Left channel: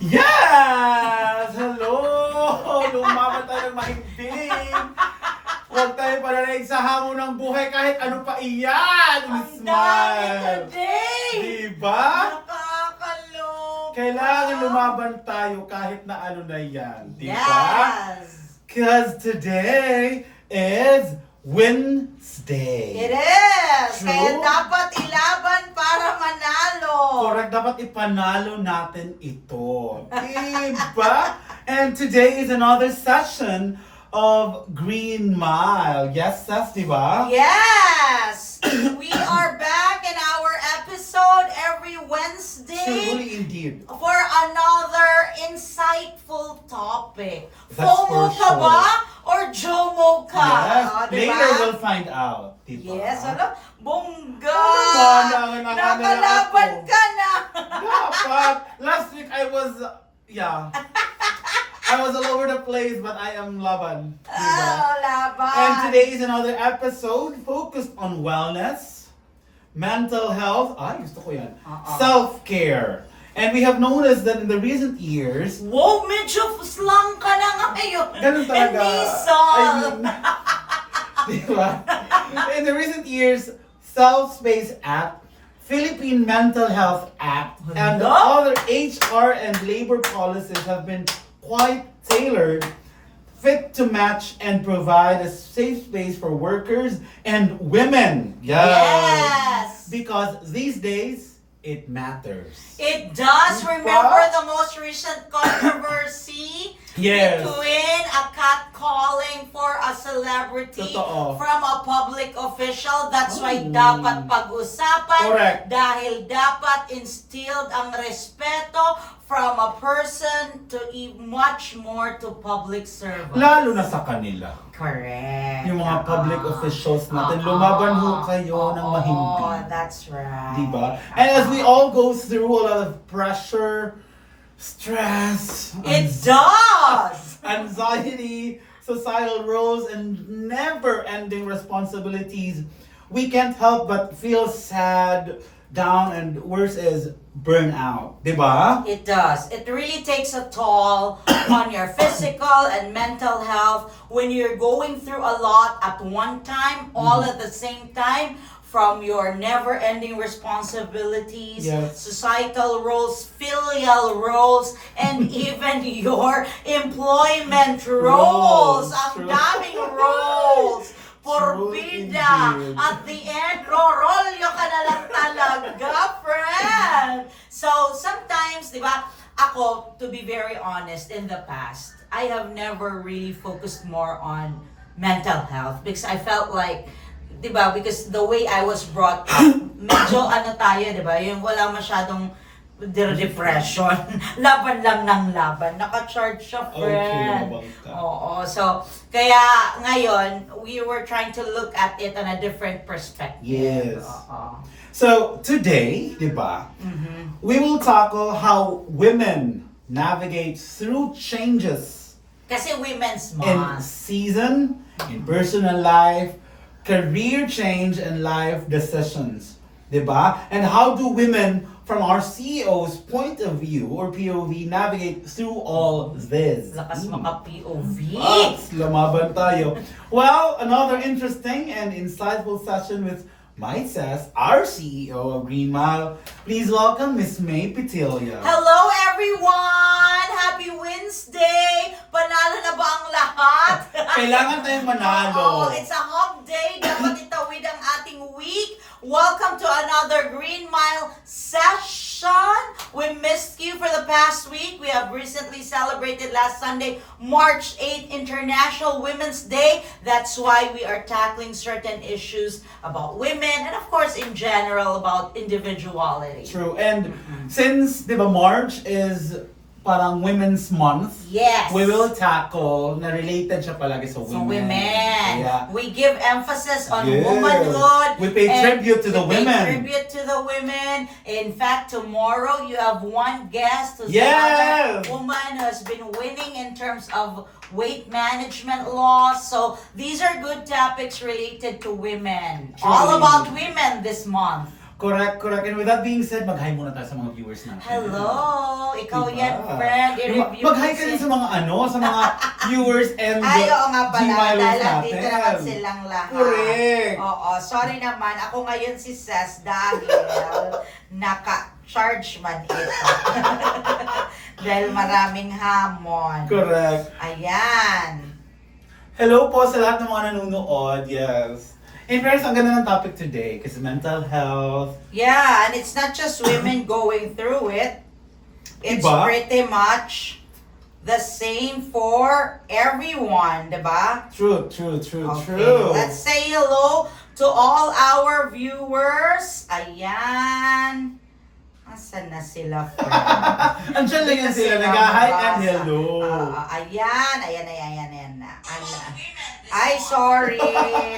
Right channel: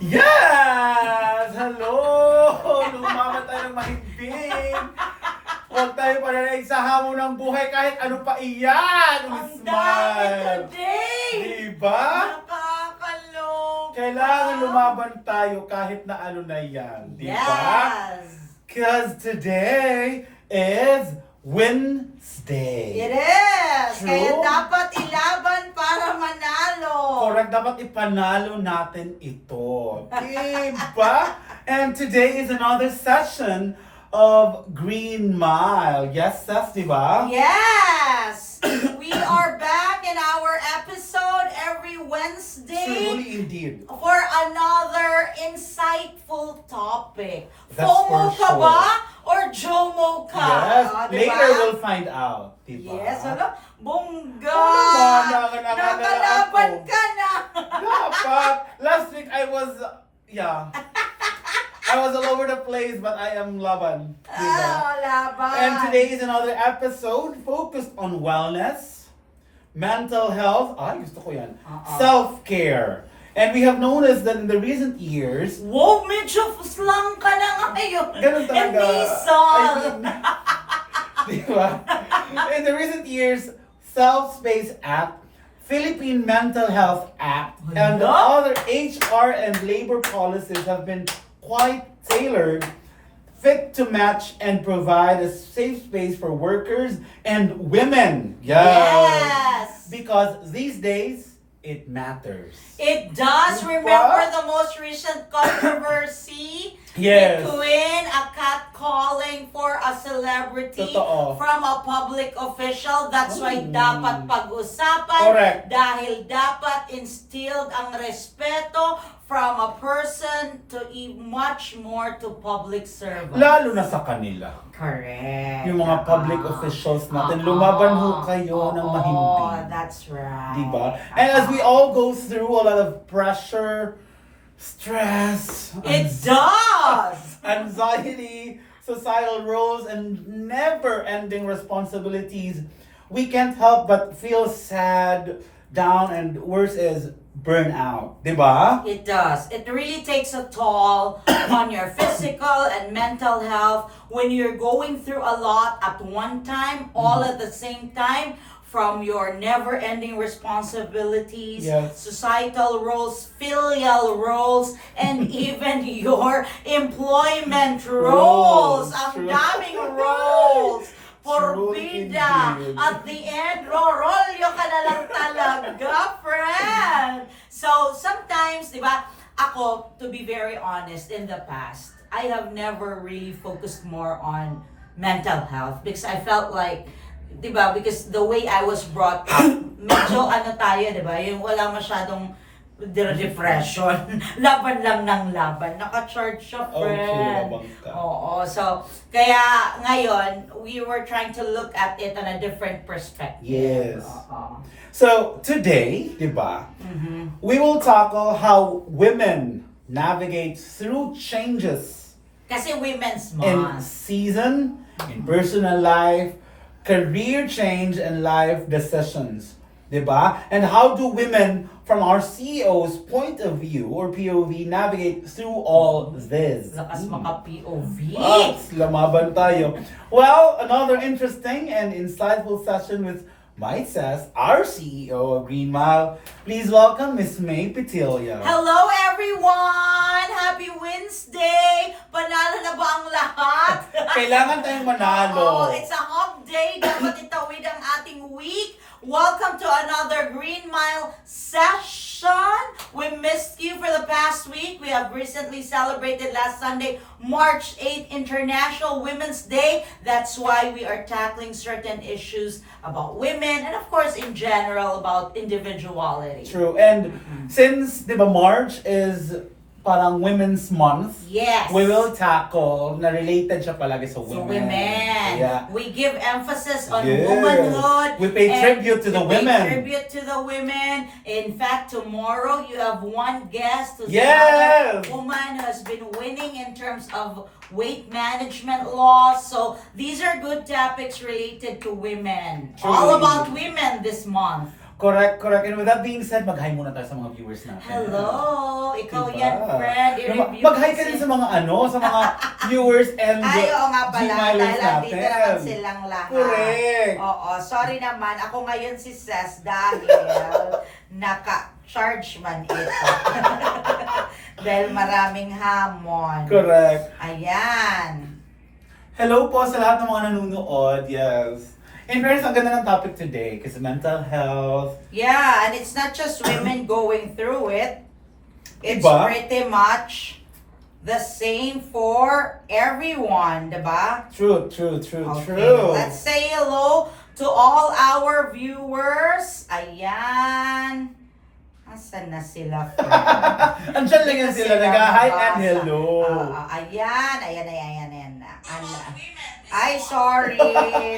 Yes! Hello! Lumaban tayo ng mahimbing. Huwag tayo palalig sa hamon ng buhay kahit ano pa iyan. Ang Smile! dami today! Diba? Nakakaloka! Kailangan lumaban tayo kahit na ano na yan. Diba? Yes! Because today is Wednesday. It is! True. Kaya dapat ilaban para manalo. Correct, dapat ipanalo natin ito. Diba? And today is another session of GREENMile. Yes, Seth, diba? Yes! We are back in our episode every Wednesday Truly indeed. for another insightful topic. That's FOMO for ka sure. ba? Or JOMO ka? Yes, Diba? later we'll find out. Diba? Yes, ano? Bongga! Nakalaban ka na! Dapat. Last week I was, I was all over the place, but I am laban. Diba? Oh, laban! And today is another episode focused on wellness, mental health, gusto ko yan, self-care. And we have noticed that in the recent years, Wow, medyo slang ka na ngayon. ganun talaga. Emisol. Diba? In the recent years, Self-Space Act, Philippine Mental Health Act, and the other HR and labor policies have been quite tailored, fit to match and provide a safe space for workers and women. Yes. Because these days, it matters. It does. Diba? Remember the most recent controversy Yes. between a catcalling for a celebrity Totoo. from a public official. That's why Mm. dapat pag-usapan. Correct. Dahil dapat instilled ang respeto from a person to much more to public servants. Lalo na sa kanila. Correct. Yung mga public officials natin, lumaban ho kayo ng mahimbing. That's right. Diba? And as we all go through a lot of pressure, stress, It does! anxiety, societal roles, and never-ending responsibilities, we can't help but feel sad, down, and worse is burnout. Diba? It does. It really takes a toll on your physical and mental health when you're going through a lot at one time, all at the same time, from your never-ending responsibilities, Yes. societal roles, filial roles, and even your employment roles. Roles, Ang true. daming roles. True Porbida. indeed. At the end, rorolyo ka na lang talaga, friend. So, sometimes, di ba, ako, to be very honest, in the past, I have never really focused more on mental health because I felt like, di ba, because the way I was brought up, medyo ano tayo, di ba, yung wala masyadong depression. Laban lang ng laban. Naka-charge siya, friend. labang ka. Oo. So, kaya ngayon, we were trying to look at it on a different perspective. Yes. Oo. So, today, diba, we will tackle how women navigate through changes Kasi Women's in Month. season, in personal life, career change, and life decisions. Diba? And how do women from our CEO's point of view or POV navigate through all this? Lakas maka-POV. Lamaban tayo. Well, another interesting and insightful session with myself, our CEO of GREENMile. Please welcome Miss May Petilla. Hello everyone! Happy Wednesday! Panalo na ba ang lahat? Kailangan tayong manalo. Oh, it's a hump day. Dapat itawid ang ating week. Welcome to another GREENMile session. We missed you for the past week. We have recently celebrated last Sunday, March 8th, International Women's Day. That's why we are tackling certain issues about women and of course in general about individuality. True. And since, diba, March is parang Women's Month, Yes. we will tackle na related siya palagi sa So women. women. Yeah. We give emphasis on Yes. womanhood. We pay and tribute to the we pay women. tribute to the women. In fact, tomorrow you have one guest who's Yes. another woman who has been winning in terms of weight management laws. So these are good topics related to women. Truly. All about women this month. Correct. And with that being said, mag-hi muna tayo sa mga viewers natin. Hello! Ikaw Diba? yan, friend. I-review Mag-hi ka din sa mga sa mga viewers and Ay, oo nga pala. Gmailers Dahil natin. dito naman silang lahat. Correct. Oo. Sorry naman. Ako ngayon si Ses dahil naka-charge man ito. Dahil maraming hamon. Correct. Ayan. Hello po sa lahat ng mga nanonood. Yes. In fairness, ang ganda ng topic today kasi mental health. Yeah, and it's not just women going through it. It's Diba? pretty much the same for everyone, diba? True. Let's say hello to all our viewers. Ayan. Asan na sila, friend? Andiyan lang yan sila, nag-hi and hello. Ayan na. Ay, sorry.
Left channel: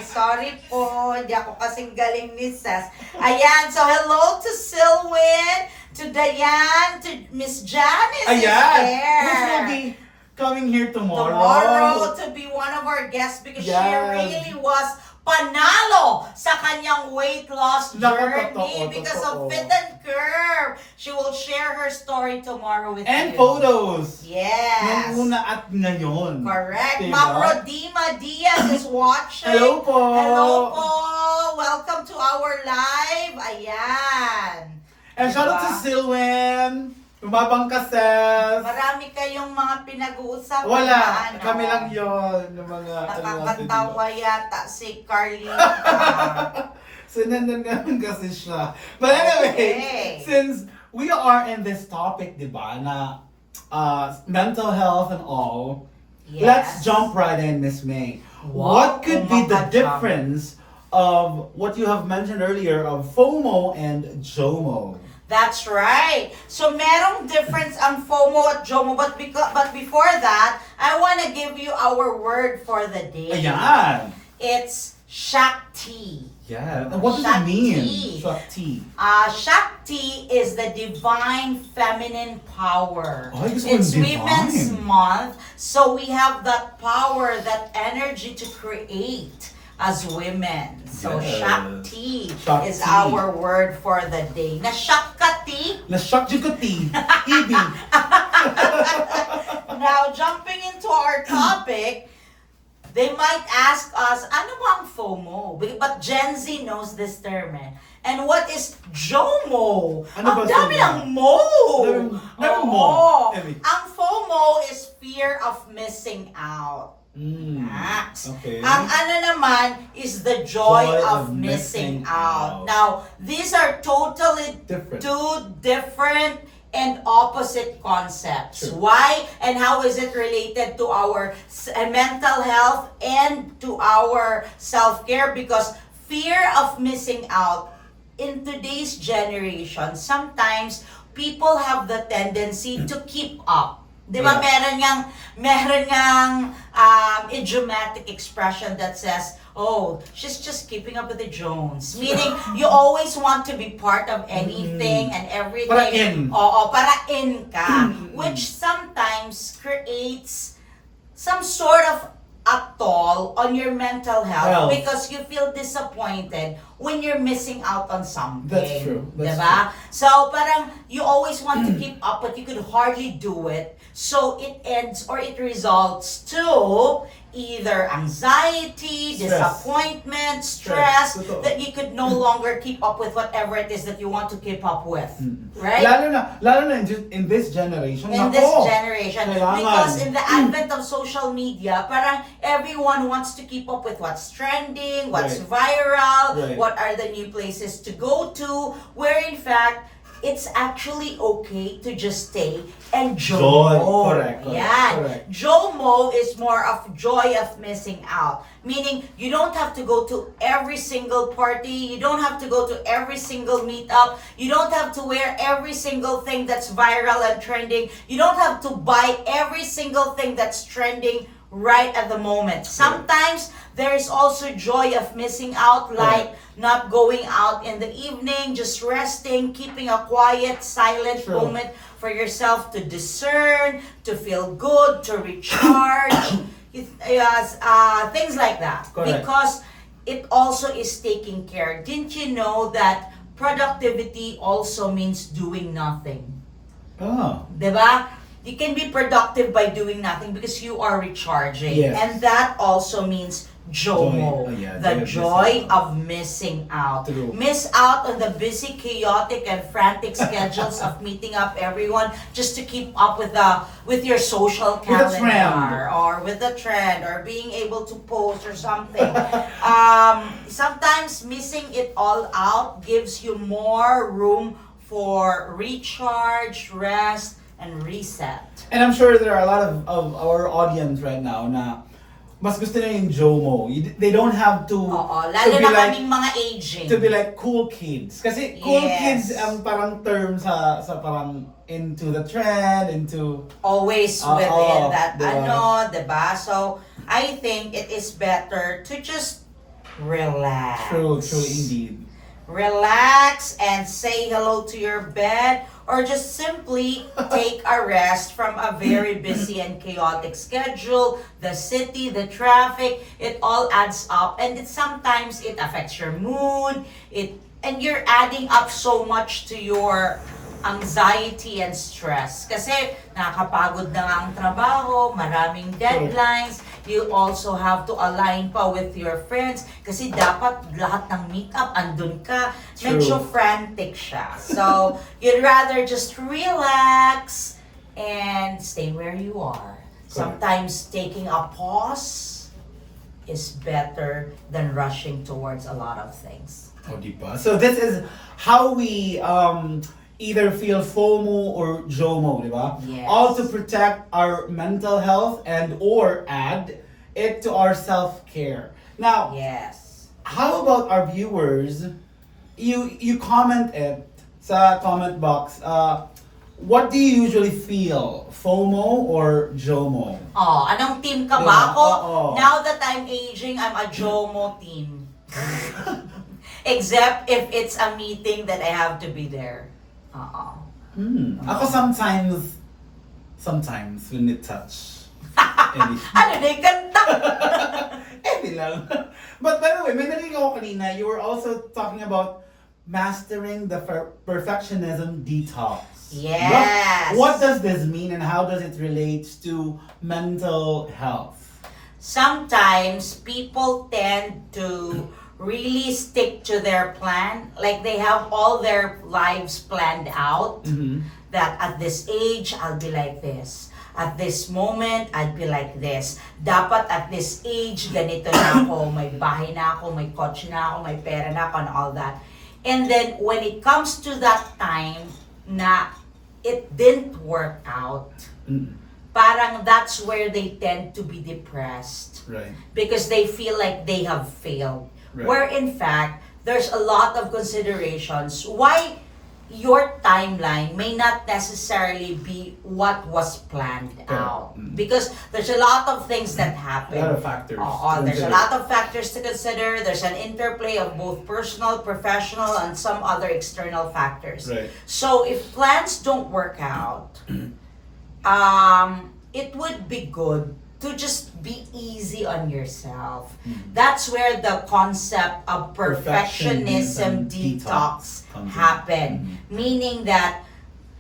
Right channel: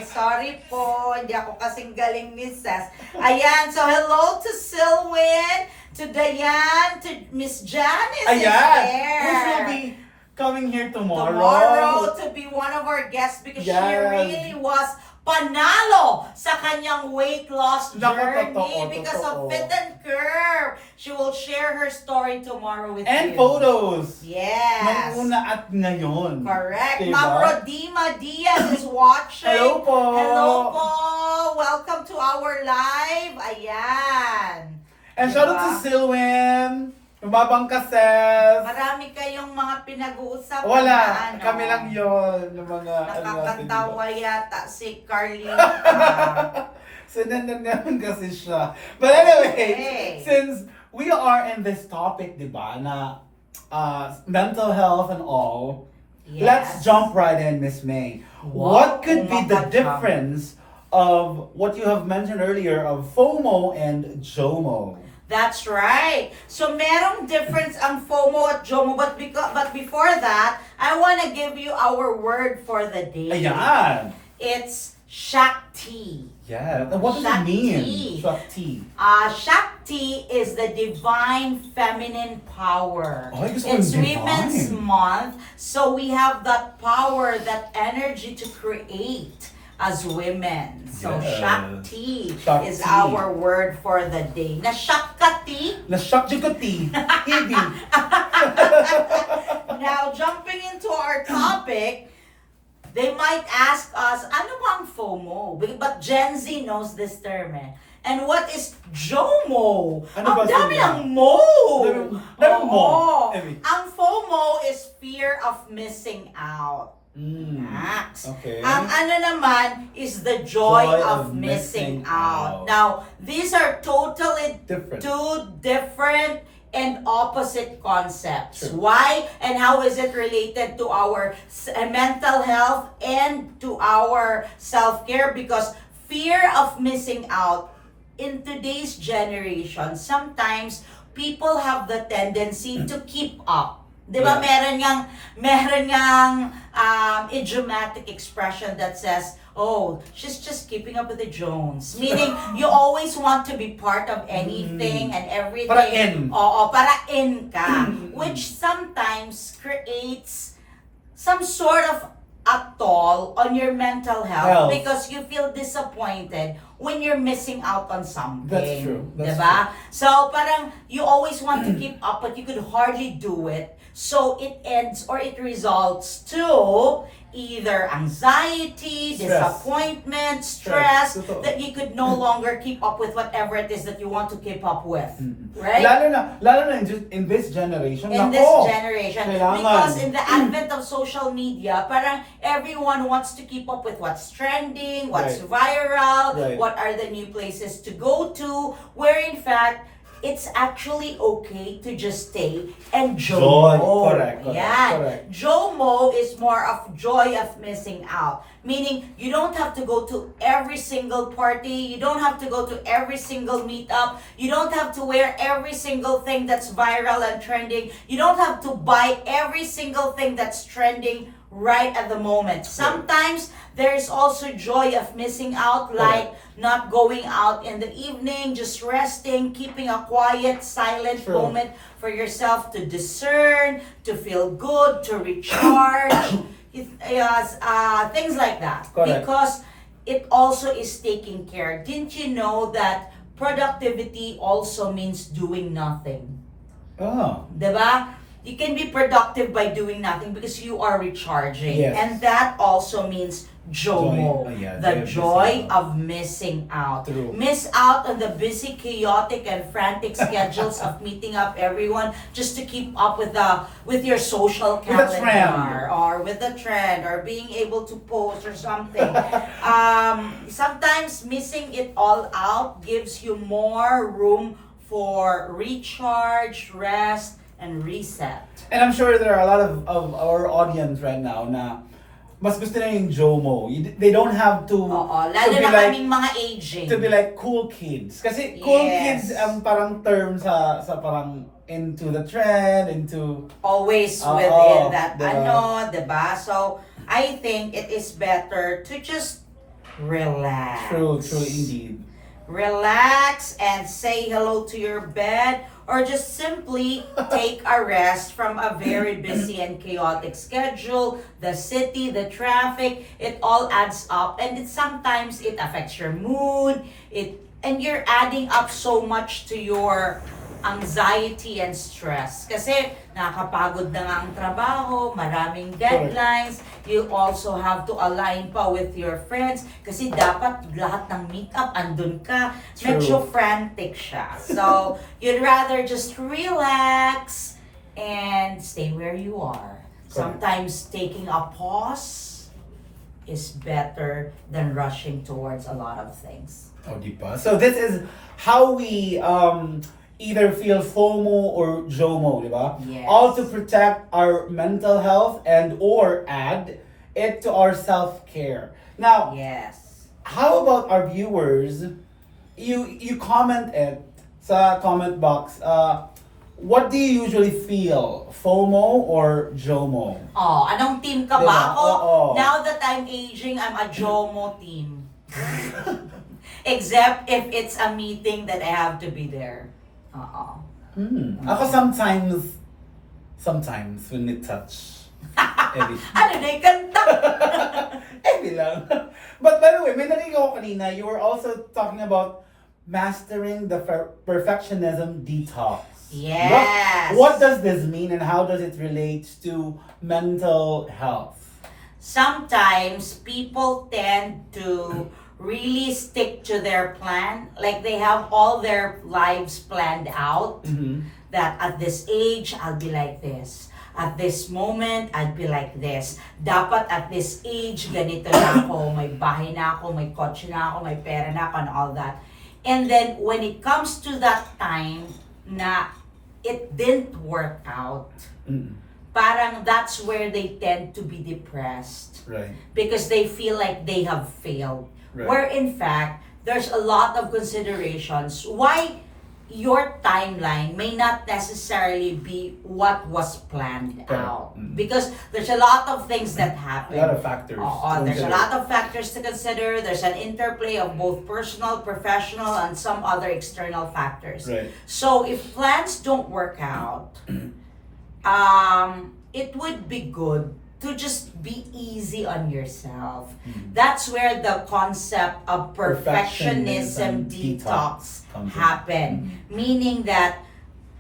Sorry po. Hindi ako kasing galing ni Ses. Ayan, so hello to Silwin, to Diane, to Miss Janice is there. Which will be coming here tomorrow. Tomorrow to be one of our guests because she really was panalo sa kanyang weight loss journey because of Fit and Curve. She will share her story tomorrow with you. And photos. Yes. Nung una at ngayon. Correct. Diba? Ma'am Rodima Diaz is watching. Hello po. Hello po. Welcome to our live. Ayan. And shout out to Silwin. Lumabang ka, Ses. Marami kayong mga pinag-uusapan. Wala. Kami lang yon ng mga Nakakatawa yata si Carlita. So, naman kasi siya. But anyway, Okay. since we are in this topic, di ba, na mental health and all, Yes. let's jump right in, Miss May. What could be the difference of what you have mentioned earlier of FOMO and JOMO? That's right. So merong difference ang FOMO at JOMO, but before that, I want to give you our word for the day. Ayan. It's Shakti. Yeah. And what does it mean? Shakti. Shakti is the divine feminine power. Oh, I guess It's divine. Women's Month, so we have that power, that energy to create as women. So Yes. Shakti is Shakti. our word for the day. Na Shakati. Na-shock jugati. Ibi. Now, jumping into our topic, they might ask us, ano ba ang FOMO? But Gen Z knows this term eh. And what is JOMO? Ano ba Ang dami sila? ng mo! Dami mo. Oo. Emi. Ang FOMO is fear of missing out. Max. Okay. Ang ano naman is the joy of missing out. Now, these are totally Different. two different and opposite concepts. True. Why and how is it related to our mental health and to our self-care? Because fear of missing out in today's generation, sometimes people have the tendency to keep up. Di ba? Yeah. Meron ngang idiomatic expression that says, oh, she's just keeping up with the Jones. Meaning, you always want to be part of anything and everything. Para in. Oo, para in ka. Which sometimes creates some sort of a toll on your mental health because you feel disappointed when you're missing out on something. That's true. That's diba? So, parang you always want to keep up but you could hardly do it. So, it ends or it results to either anxiety, disappointment, stress, that you could no longer keep up with whatever it is that you want to keep up with. Right? Lalo na in this generation. In this nako, generation. kailangan. Because in the advent of social media, parang everyone wants to keep up with what's trending, what's viral, what are the new places to go to, where in fact, it's actually okay to just stay and JOMO. Correct. JOMO is more of joy of missing out. Meaning, you don't have to go to every single party, you don't have to go to every single meetup, you don't have to wear every single thing that's viral and trending, you don't have to buy every single thing that's trending right at the moment. Sometimes, there is also joy of missing out, like not going out in the evening, just resting, keeping a quiet, silent moment for yourself to discern, to feel good, to recharge, things like that. Because it also is taking care. Didn't you know that productivity also means doing nothing. Oh. Diba? You can be productive by doing nothing because you are recharging. Yes. And that also means JOMO. Joy. Oh, yeah, The joy joy of of missing out. True. Miss out on the busy, chaotic, and frantic schedules of meeting up everyone just to keep up with your social With the trend. calendar or with the trend or being able to post or something. Sometimes missing it all out gives you more room for recharge, rest, and reset. And I'm sure there are a lot of our audience right now na mas gusto na yung JOMO. They don't have to Oo, to lalo be na like kaming mga aging. to be like cool kids. Kasi cool Yes. kids ang parang term sa parang into the trend, into Always Oo, within that, diba? diba? So, I think it is better to just relax. true indeed. Relax and say hello to your bed or just simply take a rest from a very busy and chaotic schedule, the city, the traffic, it all adds up and sometimes it affects your mood, and you're adding up so much to your anxiety and stress. Kasi nakakapagod na nga ang trabaho, maraming deadlines, you also have to align pa with your friends kasi dapat lahat ng meetup andun ka. True. Medyo frantic siya. So, you'd rather just relax and stay where you are. Sometimes taking a pause is better than rushing towards a lot of things. Oh, diba? So this is how we either feel FOMO or JOMO, diba? Yes. All to protect our mental health and or add it to our self-care. Now, Yes. how about our viewers? You comment it sa comment box. What do you usually feel? FOMO or JOMO? Oh, anong team ka Diba? ba? Ako, Oo. now that I'm aging, I'm a JOMO team. Except if it's a meeting that I have to be there. Ako sometimes when it touch. Every, Ano na yung kanta? every lang. But by the way, may narinig ako kanina, you were also talking about mastering the perfectionism detox. Yes. What does this mean and how does it relate to mental health? Sometimes people tend to really stick to their plan. Like they have all their lives planned out. Mm-hmm. That at this age, I'll be like this. At this moment, I'd be like this. Dapat at this age, ganito na ako. May bahay na ako, may kotse na ako, may pera na ako, and all that. And then, when it comes to that time na it didn't work out, parang that's where they tend to be depressed. Right. Because they feel like they have failed. Right. Where in fact, there's a lot of considerations why your timeline may not necessarily be what was planned out. Because there's a lot of things that happen. A lot of factors. There's a lot of factors to consider. There's an interplay of both personal, professional, and some other external factors. Right. So if plans don't work out, it would be good to just be easy on yourself. That's where the concept of perfectionism detox happen. Meaning that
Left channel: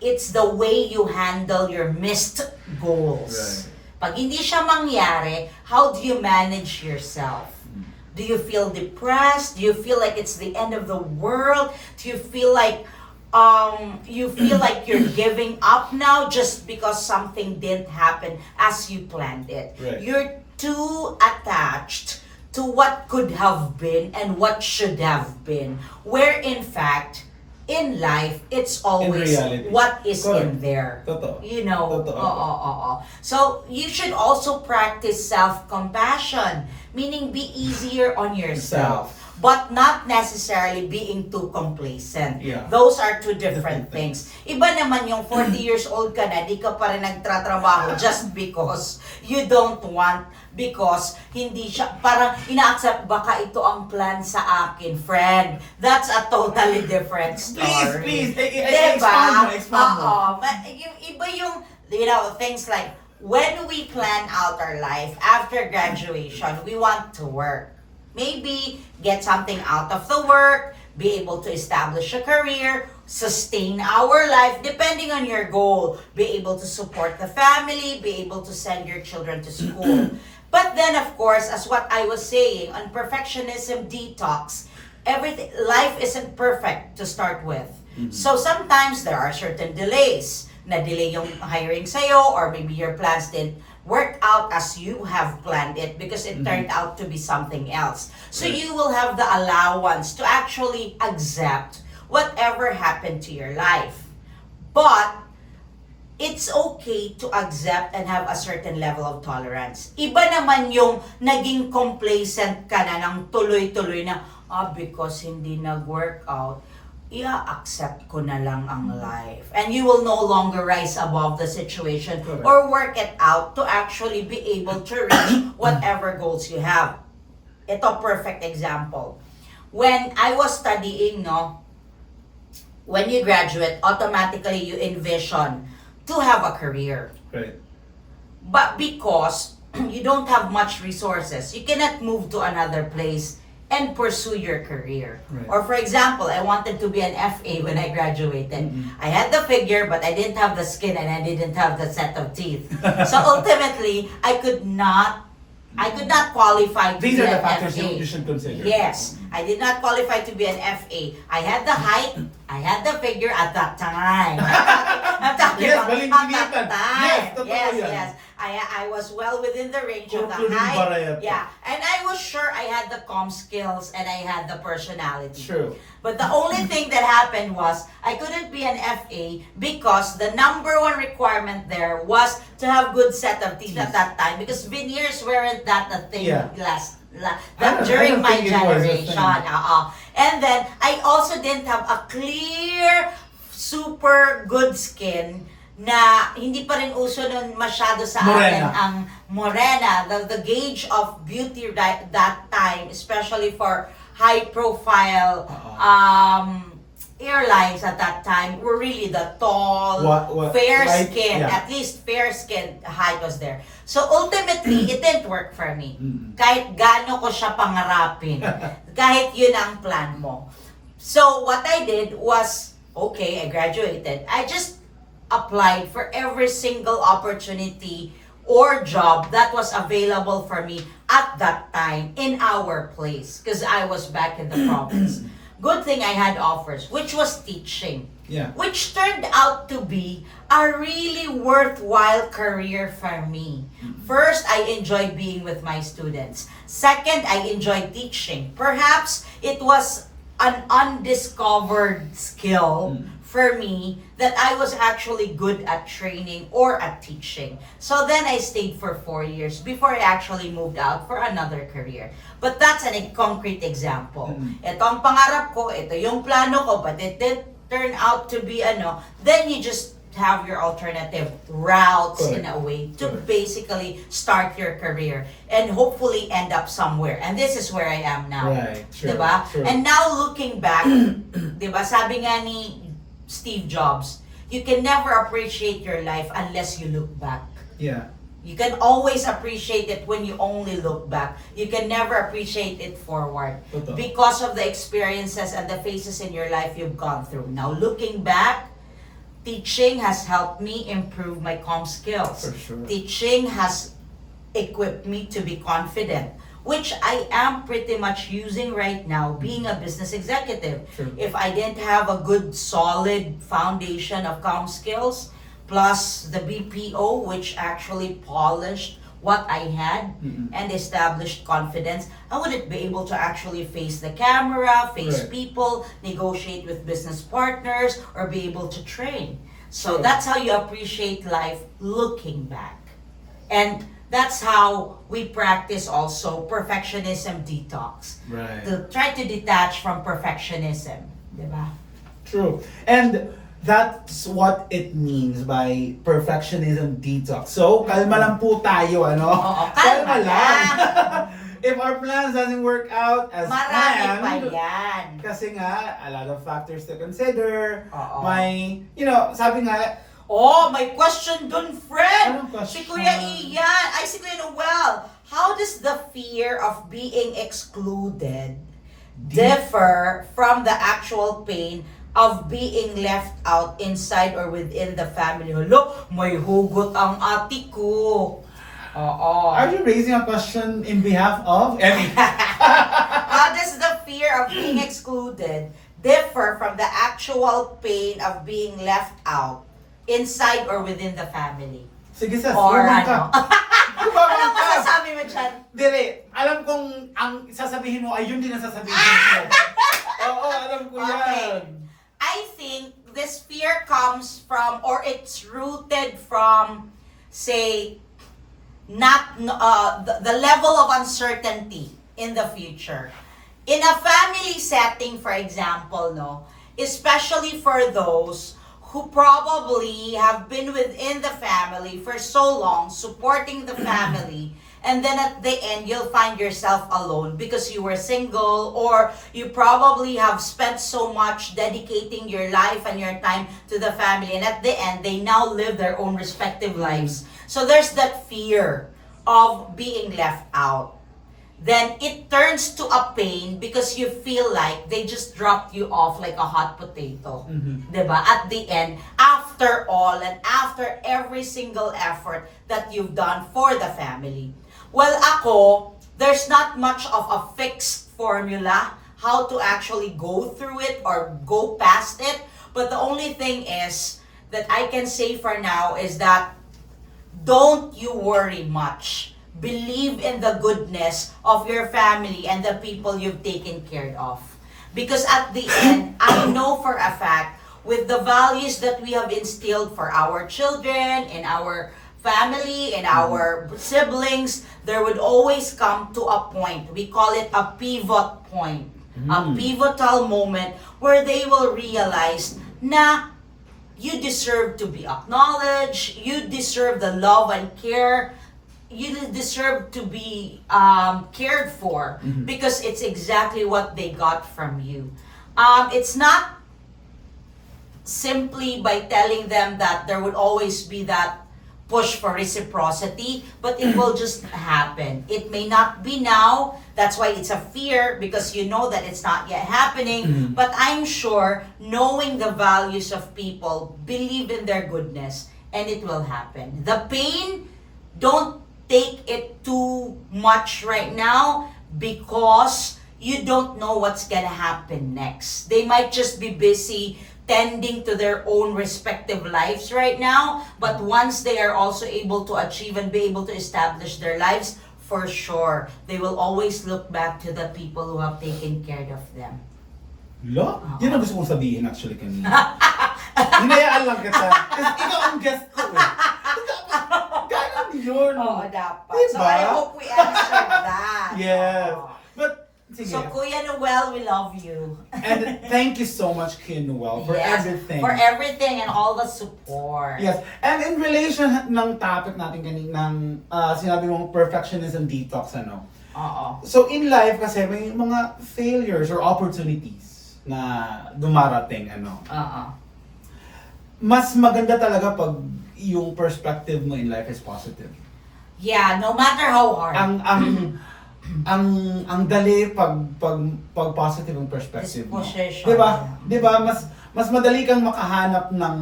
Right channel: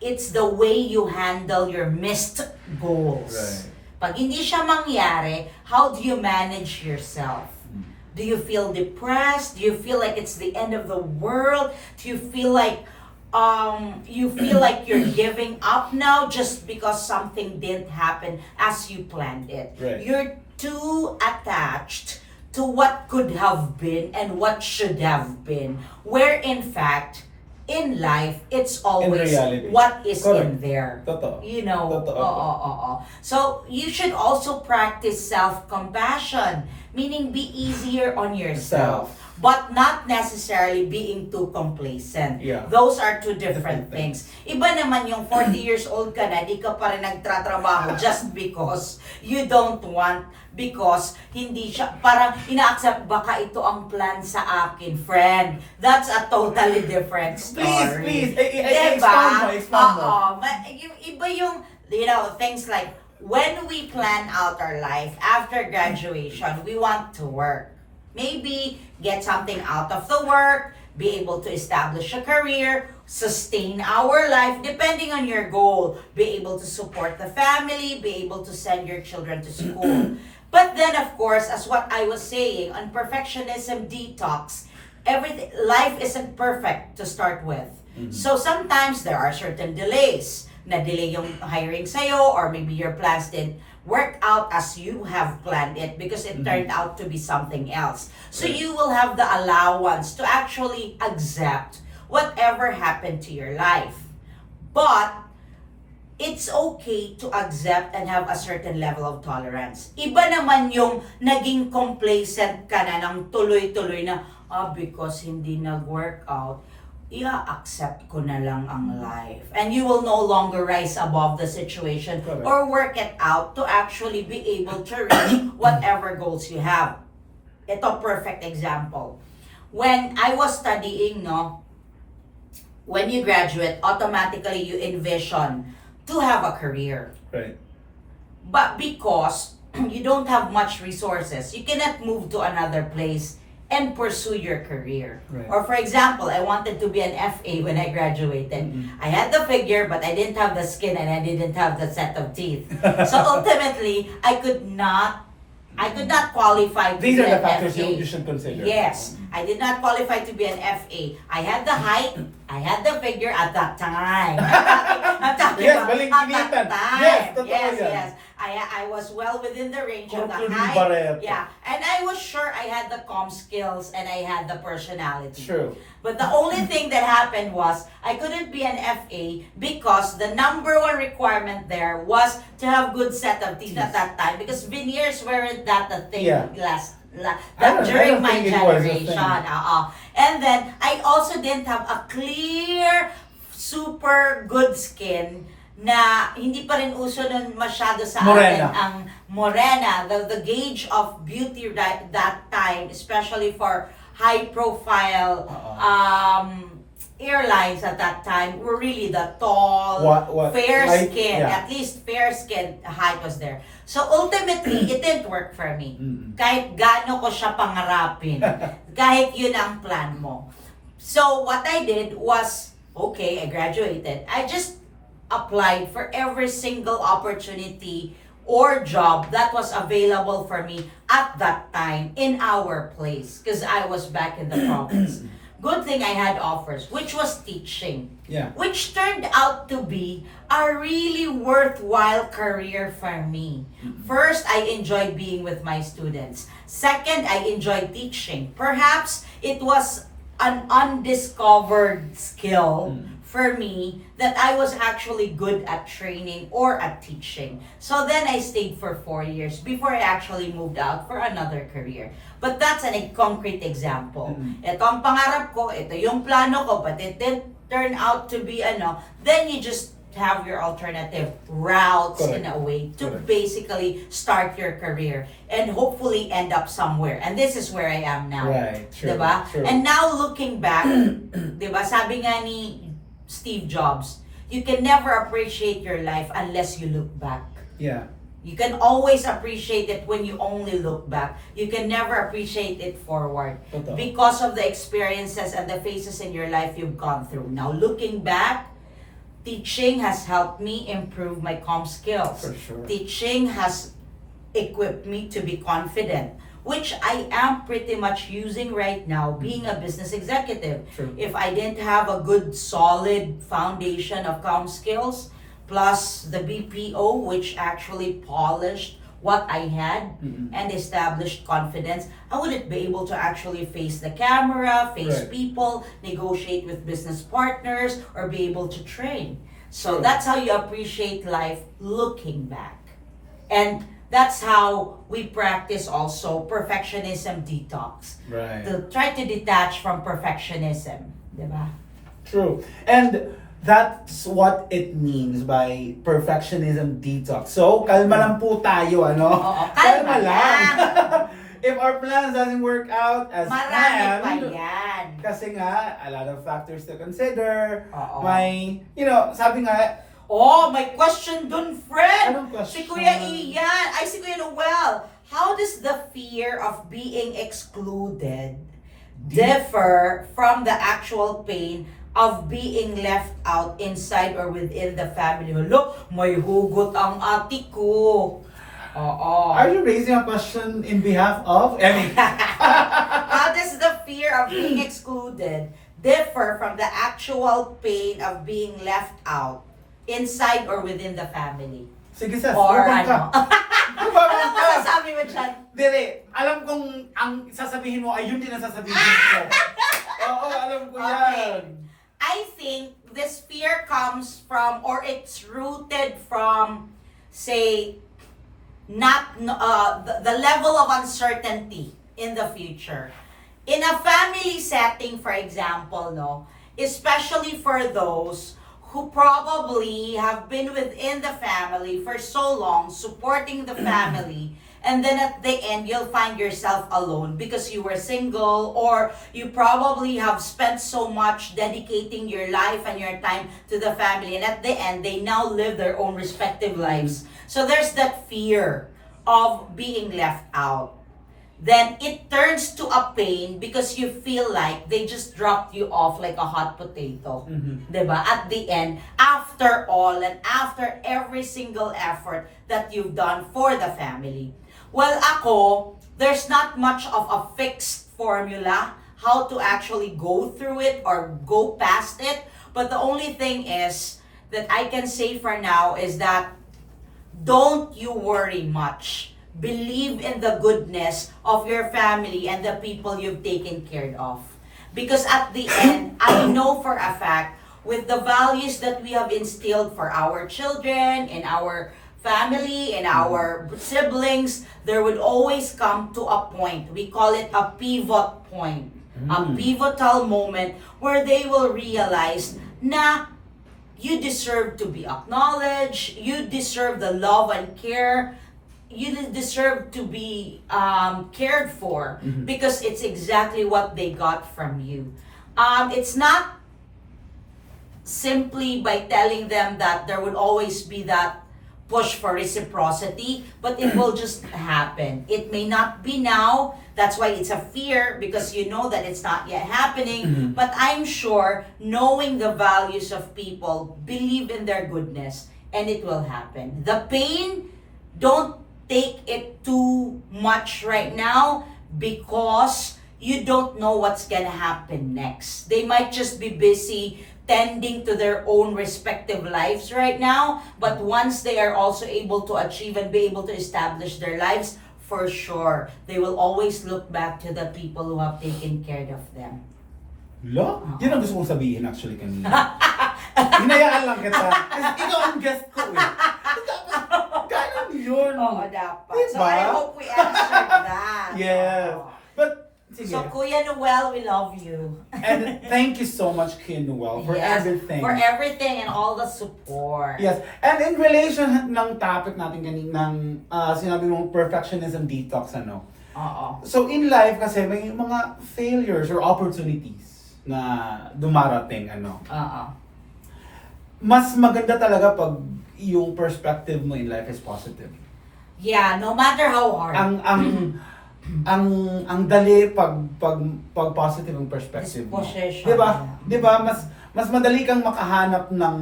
it's the way you handle your missed goals. Right. Pag hindi siya mangyari, how do you manage yourself? Do you feel depressed? Do you feel like it's the end of the world? Do you feel like you're giving up now just because something didn't happen as you planned it? Right. You're too attached to what could have been and what should have been, where in fact in life it's always what is in there. Totoo. You know. Totoo. So you should also practice self-compassion, meaning be easier on yourself. But not necessarily being too complacent. Yeah. Those are two different things. Iba naman yung 40 years old ka na, di ka pa rin nagtratrabaho just because you don't want, because hindi siya, parang ina-accept, baka ito ang plan sa akin, friend. That's a totally different story. Please, expound mo. Yung iba yung, things like, when we plan out our life after graduation, we want to work. Maybe get something out of the work, be able to establish a career, sustain our life depending on your goal, be able to support the family, be able to send your children to school. But then, of course, as what I was saying, on perfectionism detox, life isn't perfect to start with. So sometimes there are certain delays. Na-delay yung hiring sa'yo, or maybe your plans didn't work out as you have planned it because it turned out to be something else. So you will have the allowance to actually accept whatever happened to your life. But it's okay to accept and have a certain level of tolerance. Iba naman yung naging complacent ka na ng tuloy-tuloy na, because hindi nag-work out, i-accept ko na lang ang life. And you will no longer rise above the situation or work it out to actually be able to reach whatever goals you have. Ito, perfect example. When I was studying, when you graduate, automatically you envision to have a career. Right. But because you don't have much resources, you cannot move to another place and pursue your career. Right. Or for example, I wanted to be an FA when I graduated. I had the figure, but I didn't have the skin and I didn't have the set of teeth. So ultimately, I could not qualify to These be are the an factors FA. you should consider. Yes, I did not qualify to be an FA. I had the height, I had the figure at that time. I'm talking Yes, about balingkinitan. at that time. Yes, totoo yes, yan. yes. I was well within the range of the Including height. barrette. Yeah, and I was sure I had the comm skills and I had the personality. True. But the only thing that happened was I couldn't be an FA because the number one requirement there was to have good set of teeth at that time, because veneers weren't that a thing during don't my think it was a thing. generation. And then I also didn't have a clear, super good skin na hindi pa rin uso nun masyado sa Morena. atin ang morena, the gauge of beauty that time, especially for high profile airlines at that time, were really the tall, fair skin, at least fair skin height was there. So ultimately, it didn't work for me. Kahit gaano ko siya pangarapin, kahit yun ang plan mo. So what I did was, okay, I graduated. I just applied for every single opportunity or job that was available for me at that time in our place, because I was back in the province. Good thing I had offers, which was teaching. Yeah. Which turned out to be a really worthwhile career for me. First, I enjoyed being with my students. Second, I enjoyed teaching. Perhaps it was an undiscovered skill for me that I was actually good at training or at teaching. So then I stayed for 4 years before I actually moved out for another career. But that's a concrete example. Ito ang pangarap ko, ito yung plano ko, but it didn't turn out to be then you just have your alternative routes in a way to basically start your career and hopefully end up somewhere. And this is where I am now. Right, true, Diba? true. And now looking back, diba, sabi nga ni Steve Jobs, you can never appreciate your life unless you look back. Yeah. You can always appreciate it when you only look back. You can never appreciate it forward Totoo. because of the experiences and the phases in your life you've gone through. Now looking back, teaching has helped me improve my comm skills. For sure. Teaching has equipped me to be confident, which I am pretty much using right now being a business executive. True. If I didn't have a good solid foundation of comm skills plus the BPO, which actually polished what I had and established confidence, I wouldn't be able to actually face the camera, face people, negotiate with business partners, or be able to train. So True. that's how you appreciate life looking back. And that's how we practice also perfectionism detox. Right. To try to detach from perfectionism. Diba? True. And that's what it means by perfectionism detox. So, kalma lang po tayo, ano? Oo, kalma lang. If our plans doesn't work out as Marami pa planned, yan. kasi nga, a lot of factors to consider. Oo. May, sabi nga, Oh, may question dun, friend. Anong question? Si Kuya Ian, si Kuya Noel. How does the fear of being excluded differ from the actual pain of being left out inside or within the family. Hello, may hugot ang ati ko. Oo. Are you raising a question in behalf of Emmy? How does the fear of being excluded differ from the actual pain of being left out inside or within the family? Sige, Sas. Or lumang ka. ano? Lumang Anong ka. masasabi mo dyan? Dire, alam kong ang sasabihin mo ay yun din ang sasabihin mo. Oo, alam ko yan. I think this fear comes from, or it's rooted from, say, the level of uncertainty in the future. In a family setting, for example, no, especially for those who probably have been within the family for so long, supporting the family, and then at the end, you'll find yourself alone because you were single, or you probably have spent so much dedicating your life and your time to the family, and at the end, they now live their own respective lives. So there's that fear of being left out. Then it turns to a pain because you feel like they just dropped you off like a hot potato. Diba? At the end, after all and after every single effort that you've done for the family. Well, ako, there's not much of a fixed formula how to actually go through it or go past it. But the only thing is that I can say for now is that don't you worry much. Believe in the goodness of your family and the people you've taken care of. Because at the end, I know for a fact, with the values that we have instilled for our children, in our family, in our siblings, there would always come to a point, we call it a pivot point, a pivotal moment where they will realize na you deserve to be acknowledged, you deserve the love and care, you deserve to be cared for because it's exactly what they got from you. It's not simply by telling them that there would always be that push for reciprocity, but it will just happen. It may not be now, that's why it's a fear because you know that it's not yet happening, but I'm sure knowing the values of people, believe in their goodness, and it will happen. The pain, don't take it too much right now because you don't know what's gonna happen next. They might just be busy tending to their own respective lives right now, but once they are also able to achieve and be able to establish their lives, for sure, they will always look back to the people who have taken care of them. Lo? Yun ang gusto kong sabihin actually kanina. Hinayaan lang kita. Kasi ikaw ang guest ko eh. Ganun yun. Oo, dapat. Diba? So I hope we answered that. Yes. Oo. But, sige. So Kuya Noel, we love you. And thank you so much, Kuya Noel, for Yes, everything. For everything and all the support. Yes. And in relation ng topic natin kaninang sinabi mong perfectionism detox, ano? Oo. So in life kasi may mga failures or opportunities na dumarating, ano? Oo. Mas maganda talaga pag yung perspective mo in life is positive. Yeah, no matter how hard. Ang dali pag positive ang perspective mo. Disposition. 'Di ba? 'Di ba mas madali kang makahanap ng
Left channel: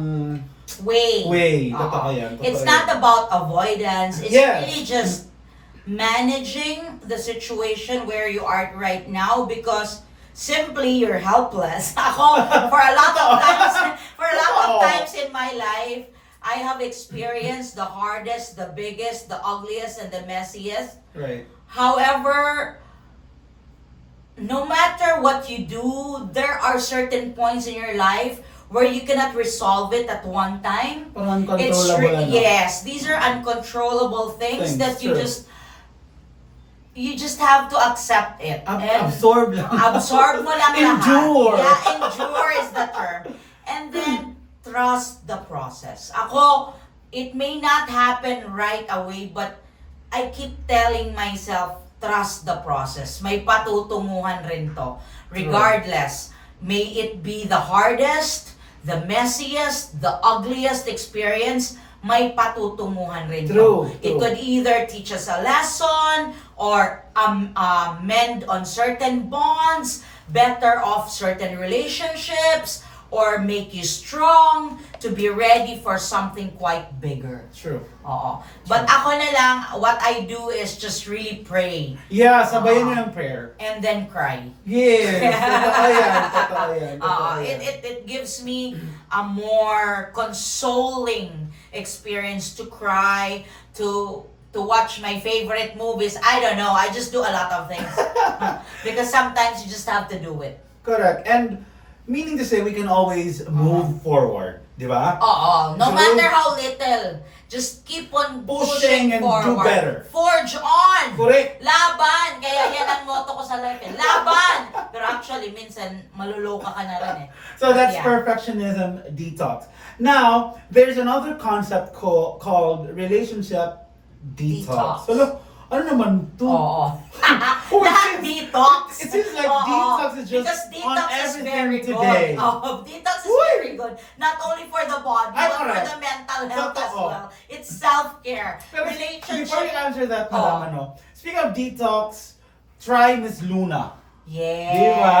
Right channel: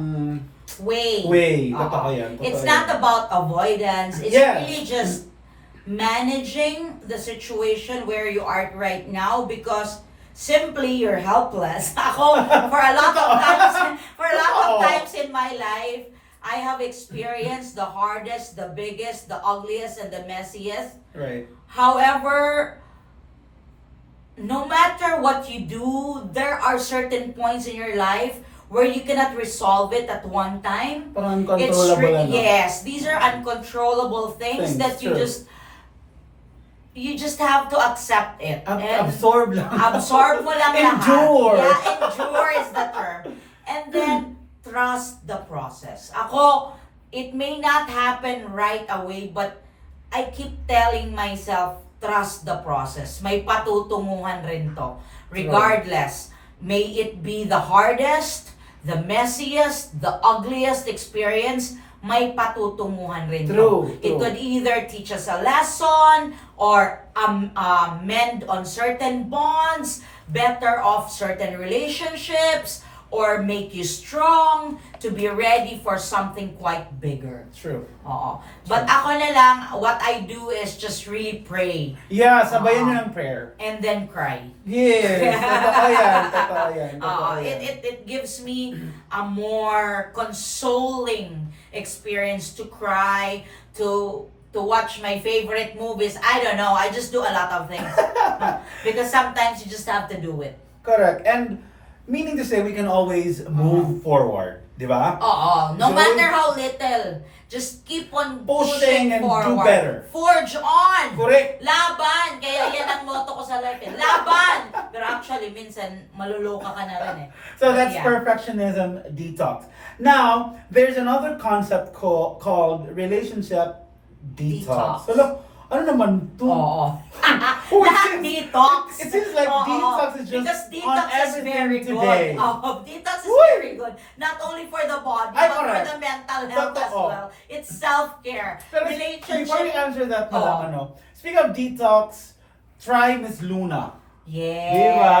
way. Totoo yan. It's not about avoidance. It's Yes. really just managing the situation where you are right now because simply you're helpless. Ako, for a lot of times in my life, I have experienced the hardest, the biggest, the ugliest, and the messiest. Right. However, no matter what you do, there are certain points in your life where you cannot resolve it at one time. Parang uncontrollable. Yes, these are uncontrollable things that you sure. you just have to accept it. And Absorb lang. absorb mo lang Endure. lahat. Yeah, endure is the term. And then, trust the process. Ako, it may not happen right away, but I keep telling myself, trust the process. May patutunguhan rin to. Regardless, may it be the hardest, the messiest, the ugliest experience, may patutunguhan rin True. to. It could either teach us a lesson or mend on certain bonds better off certain relationships or make you strong to be ready for something quite bigger. True. Oo. But ako na lang, what I do is just really pray Yeah, sabayan nyo ng prayer. and then cry. Yes, totoo yan, totoo yan, totoo yan. It gives me a more consoling experience to cry, to watch my favorite movies. I don't know, I just do a lot of things. Because sometimes you just have to do it. Correct. And meaning to say, we can always move forward, di ba? Oo. No So, matter how little, just keep on pushing and forward. do better. Forge on! Correct. Laban! Kaya yan ang motto ko sa life eh. Laban! Pero actually, minsan, maluloka ka na rin eh. So that's Yeah. perfectionism detox. Now, there's another concept called relationship detox. Detox. So look, ano naman to? Oo. Oh, Lahat it detox. It seems like Oo. detox is just Because on detox is everything very today. good. Detox is Uy! very good. Not only for the body, Ay, but for correct. the mental health as Totoo. well. It's self-care. Pero before you Relationship. answer that, Oh. madam, ano, speaking of detox, try Miss Luna. Yes. Diba?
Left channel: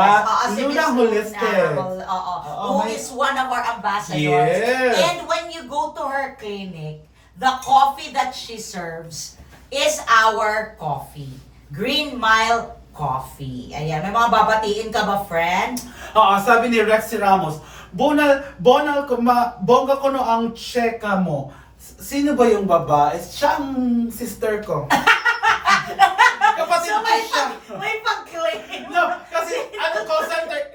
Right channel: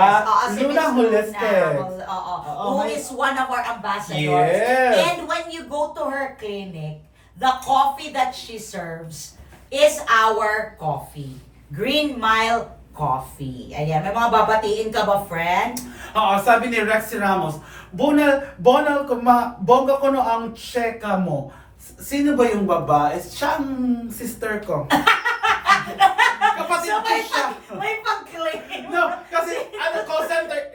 Si Luna Miss Holistic. Oo. Oo, Who may- is one of our ambassadors. Yes. And when you go to her clinic, the coffee that she serves is our coffee. GREENMile Coffee. Ayan, may mga babatiin ka ba, friend? Oo, sabi ni Rexy Ramos, bonal bongga ko no ang cheka mo. Sino ba yung babae? Siya ang sister ko. Kapatid ko siya. May pag-claim. No, kasi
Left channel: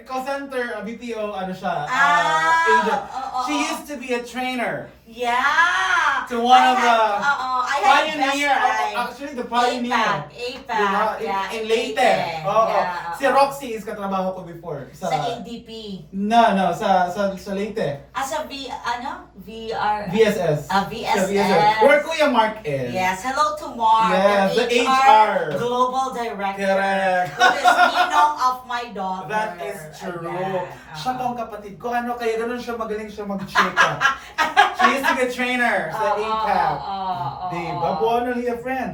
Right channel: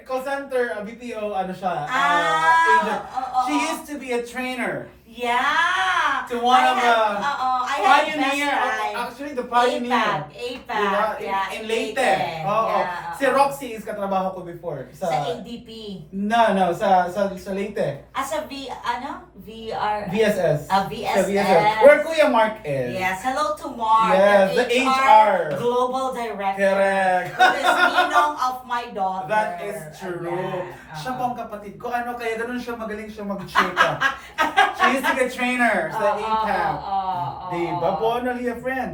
call center, BPO, ano siya, agent. She used to be a trainer. Yeah. To one of the I had pioneer, best friend. actually the pioneer. APAC. Diba? Yeah, In Leyte. Oo. Yeah. Si Roxy is katrabaho ko before. Sa ADP. No, sa Leyte. Sa VR. VSS. VSS. Sa VSS. Where Kuya Mark is. Yes, hello to Mark. Yes, the HR. Global Director. Correct. Who is ninong of my daughter. That is true. Ayan. Siya pa ang kapatid ko. Ano, kaya ganun siya, magaling siya mag-chika. She used to be a trainer sa APAC. Diba? Bonal a friend.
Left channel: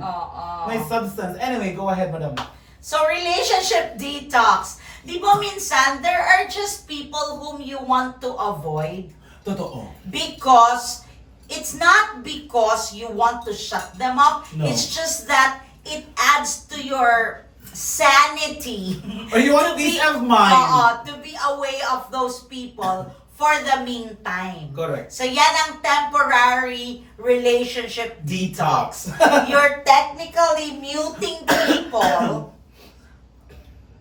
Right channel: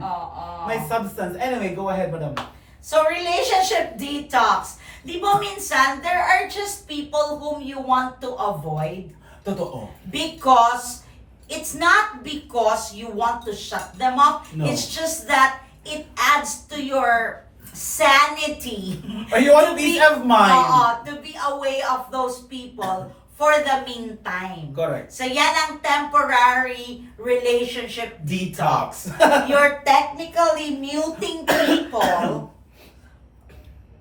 May substance. Anyway, go ahead, madam. So, relationship detox. Di ba minsan, there are just people whom you want to avoid Totoo. because it's not because you want to shut them up. No. It's just that it adds to your sanity. Or you want to peace be- of mind. To be away of those people for the meantime. Correct. So yan ang temporary relationship Detox. You're technically muting people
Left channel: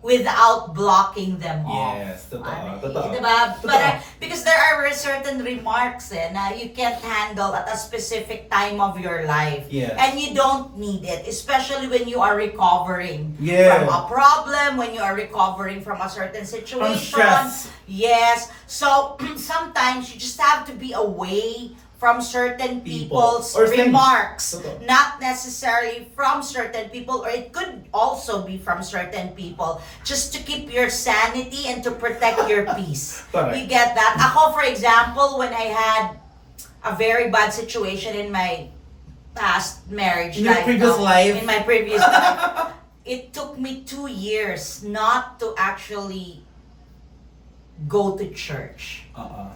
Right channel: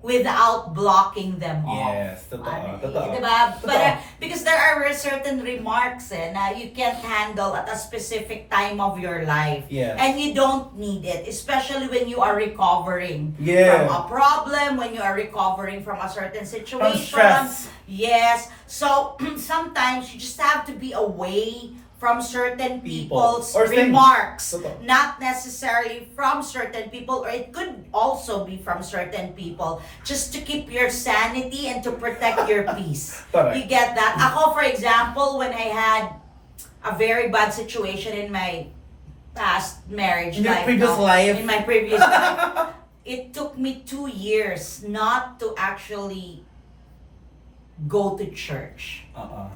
without blocking them off. Yes, totoo. Totoo. Diba? Totoo. But, because there are certain remarks na you can't handle at a specific time of your life. Yes. And you don't need it, especially when you are recovering Yeah. from a problem, when you are recovering from a certain situation. stress. Yes. So, sometimes you just have to be away from certain People. people's Or things. remarks. Totoo. Not necessarily from certain people, or it could also be from certain people, just to keep your sanity and to protect your peace. Correct. You get that? Ako, for example, when I had a very bad situation in my past marriage In your life, previous life? in my previous life, it took me 2 years not to actually go to church.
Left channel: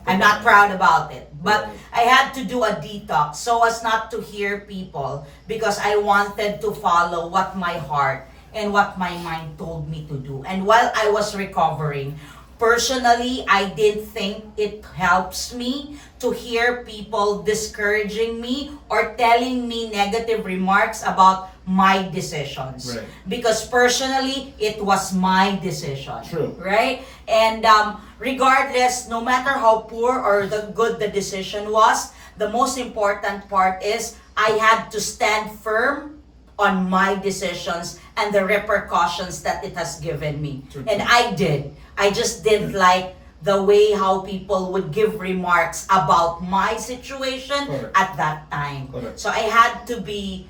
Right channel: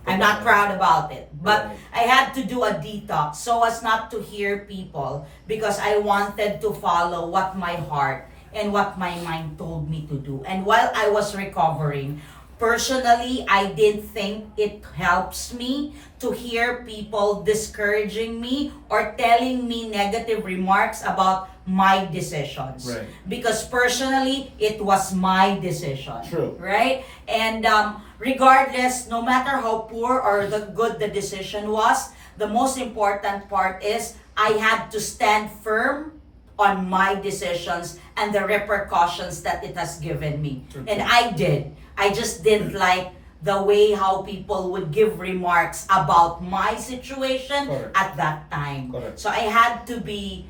I'm not proud about it. But I had to do a detox so as not to hear people, because I wanted to follow what my heart and what my mind told me to do. And while I was recovering, personally, I did think it helps me to hear people discouraging me or telling me negative remarks about my decisions. Right. Because personally, it was my decision. True. Right? And regardless, no matter how poor or the good the decision was, the most important part is I had to stand firm on my decisions and the repercussions that it has given me. True. And I did. I just didn't like the way how people would give remarks about my situation Correct. at that time. Correct. So I had to be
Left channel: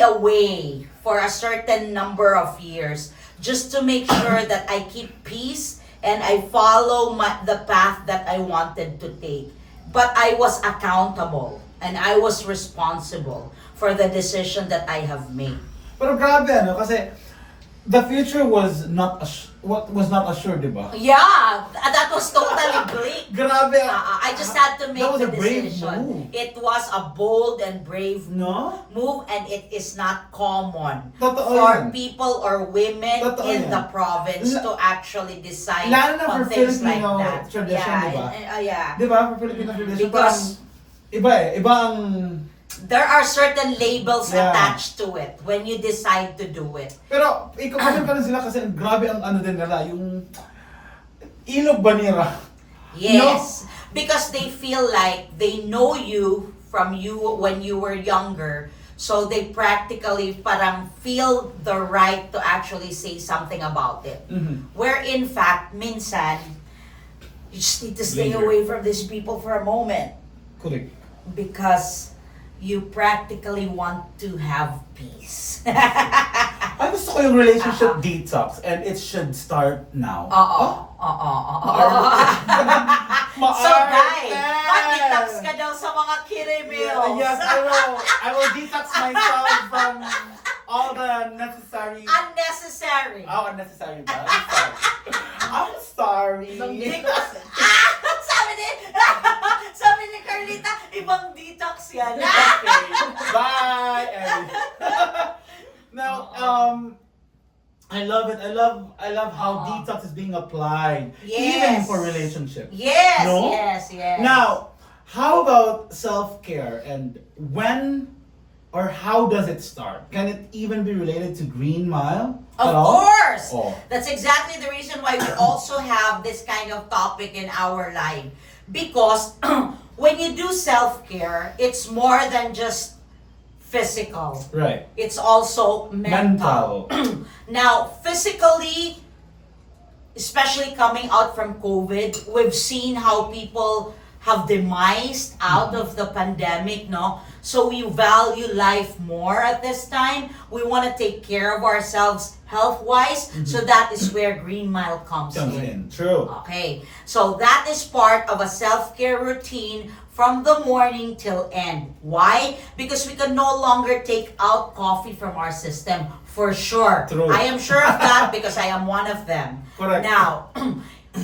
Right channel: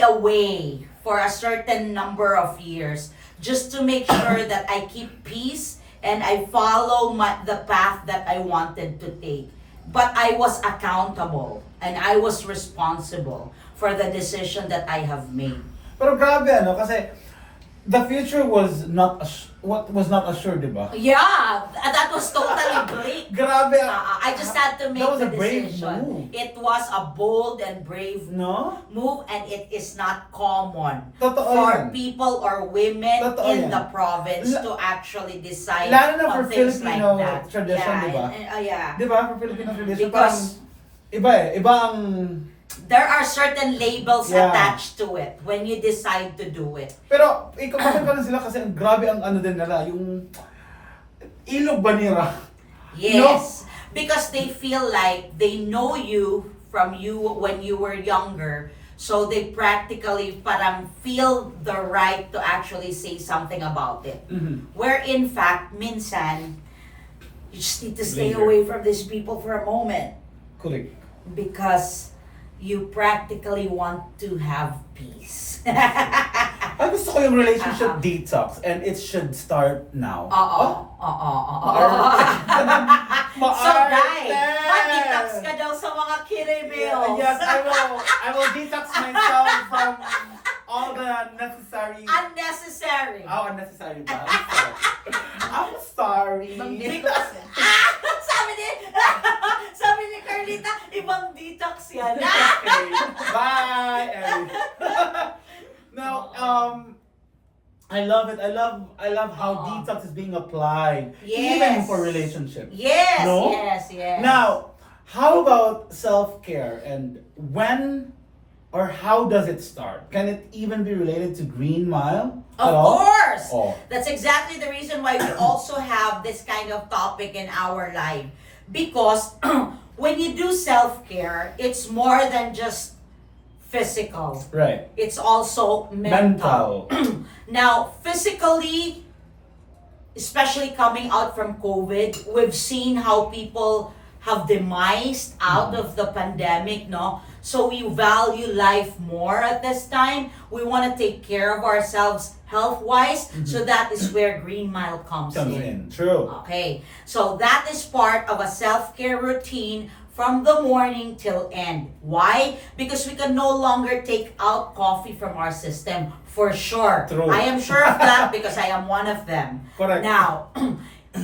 away for a certain number of years just to make sure that I keep peace and I follow the path that I wanted to take. But I was accountable and I was responsible for the decision that I have made. Pero grabe, ano, kasi the future was not assured, diba? Yeah, that was totally bleak. Grabe. I just had to make That was the a brave decision. move. It was a bold and brave No? move, and it is not common Totoo for yan. people or women Totoo in yan. the province to actually decide Lalo na on for things like Filipino that. tradition, yeah, diba? Yeah. Diba? For Filipino tradition, Because parang iba eh. Iba ang... there are certain labels Yeah. attached to it when you decide to do it. Pero, ikaw pa rin sila kasi ang grabe ang ano din nila, yung ilog ba nila? Yes. Because they feel like they know you from you when you were younger. So they practically parang feel the right to actually say something about it. Mhm. Where in fact, minsan, you just need to stay Later. away from these people for a moment. Correct. Because you practically want to have peace. Ay, gusto ko yung relationship detox and it should start now. Oo. So guys, mag-detox ka daw sa mga kirimils. Yes, I will detox myself from all the necessary... Unnecessary. Oh, unnecessary ba? I'm sorry. Sabi ni Carlita, ibang detox yan. Okay. Bye. Ellie. Now, I love it. I love how detox is being applied, even for relationships. Yes, No? yes. Now, how about self-care and when or how does it start? Can it even be related to Green Mile? Of at all? course. Oh. That's exactly the reason why we also have this kind of topic in our life. Because when you do self-care, it's more than just physical. Right. It's also mental. Now, physically, especially coming out from COVID, we've seen how people have demised out of the pandemic, no? So we value life more at this time. We want to take care of ourselves health-wise. So that is where Green Mile comes in. True. Okay, so that is part of a self-care routine from the morning till end. Why? Because we can no longer take out coffee from our system, for sure. True. I am sure of that because I am one of them. Correct. Now,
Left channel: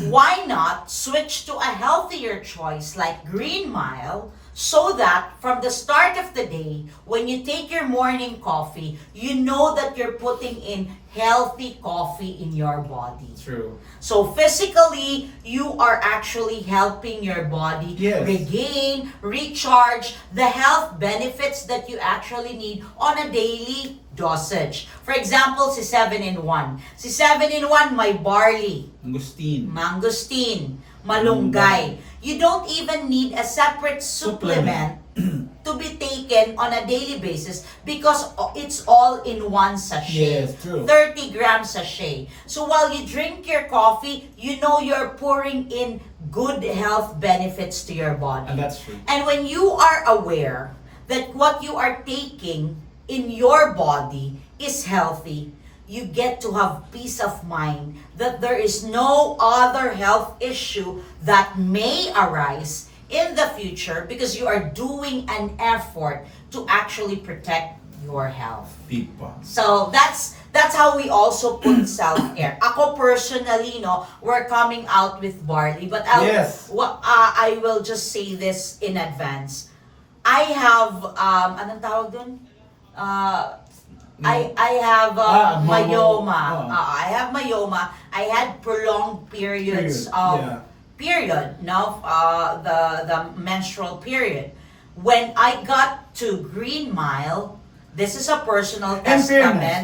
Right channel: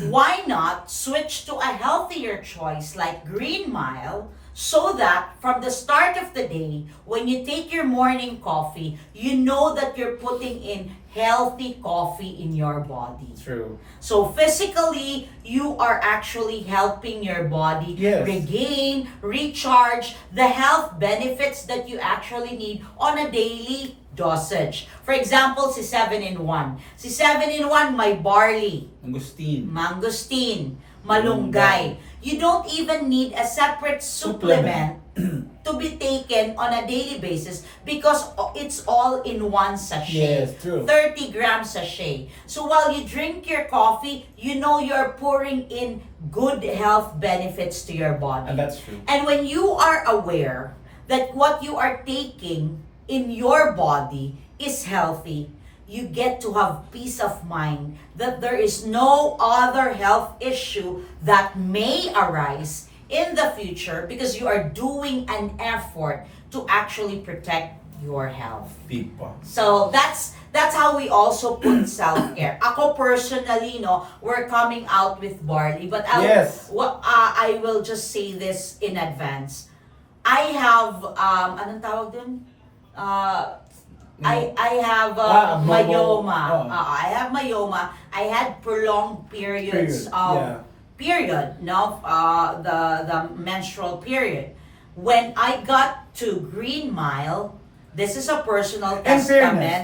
why not switch to a healthier choice like Green Mile, so that from the start of the day, when you take your morning coffee, you know that you're putting in healthy coffee in your body. True. So physically, you are actually helping your body regain, recharge the health benefits that you actually need on a daily dosage. For example, si 7-in-1. Si 7-in-1, may barley, mangosteen, malunggay. You don't even need a separate supplement to be taken on a daily basis because it's all in one sachet. Yes, true. 30-gram sachet. So while you drink your coffee, you know you're pouring in good health benefits to your body. And that's true. And when you are aware that what you are taking in your body is healthy, you get to have peace of mind that there is no other health issue that may arise in the future because you are doing an effort to actually protect your health. So that's how we also put self-care. Ako personally, no, we're coming out with barley, but I will just say this in advance. I have anong tawag dun? I have myoma. I have myoma. I had prolonged periods of the menstrual period. When I got to Green Mile, this is a personal testament.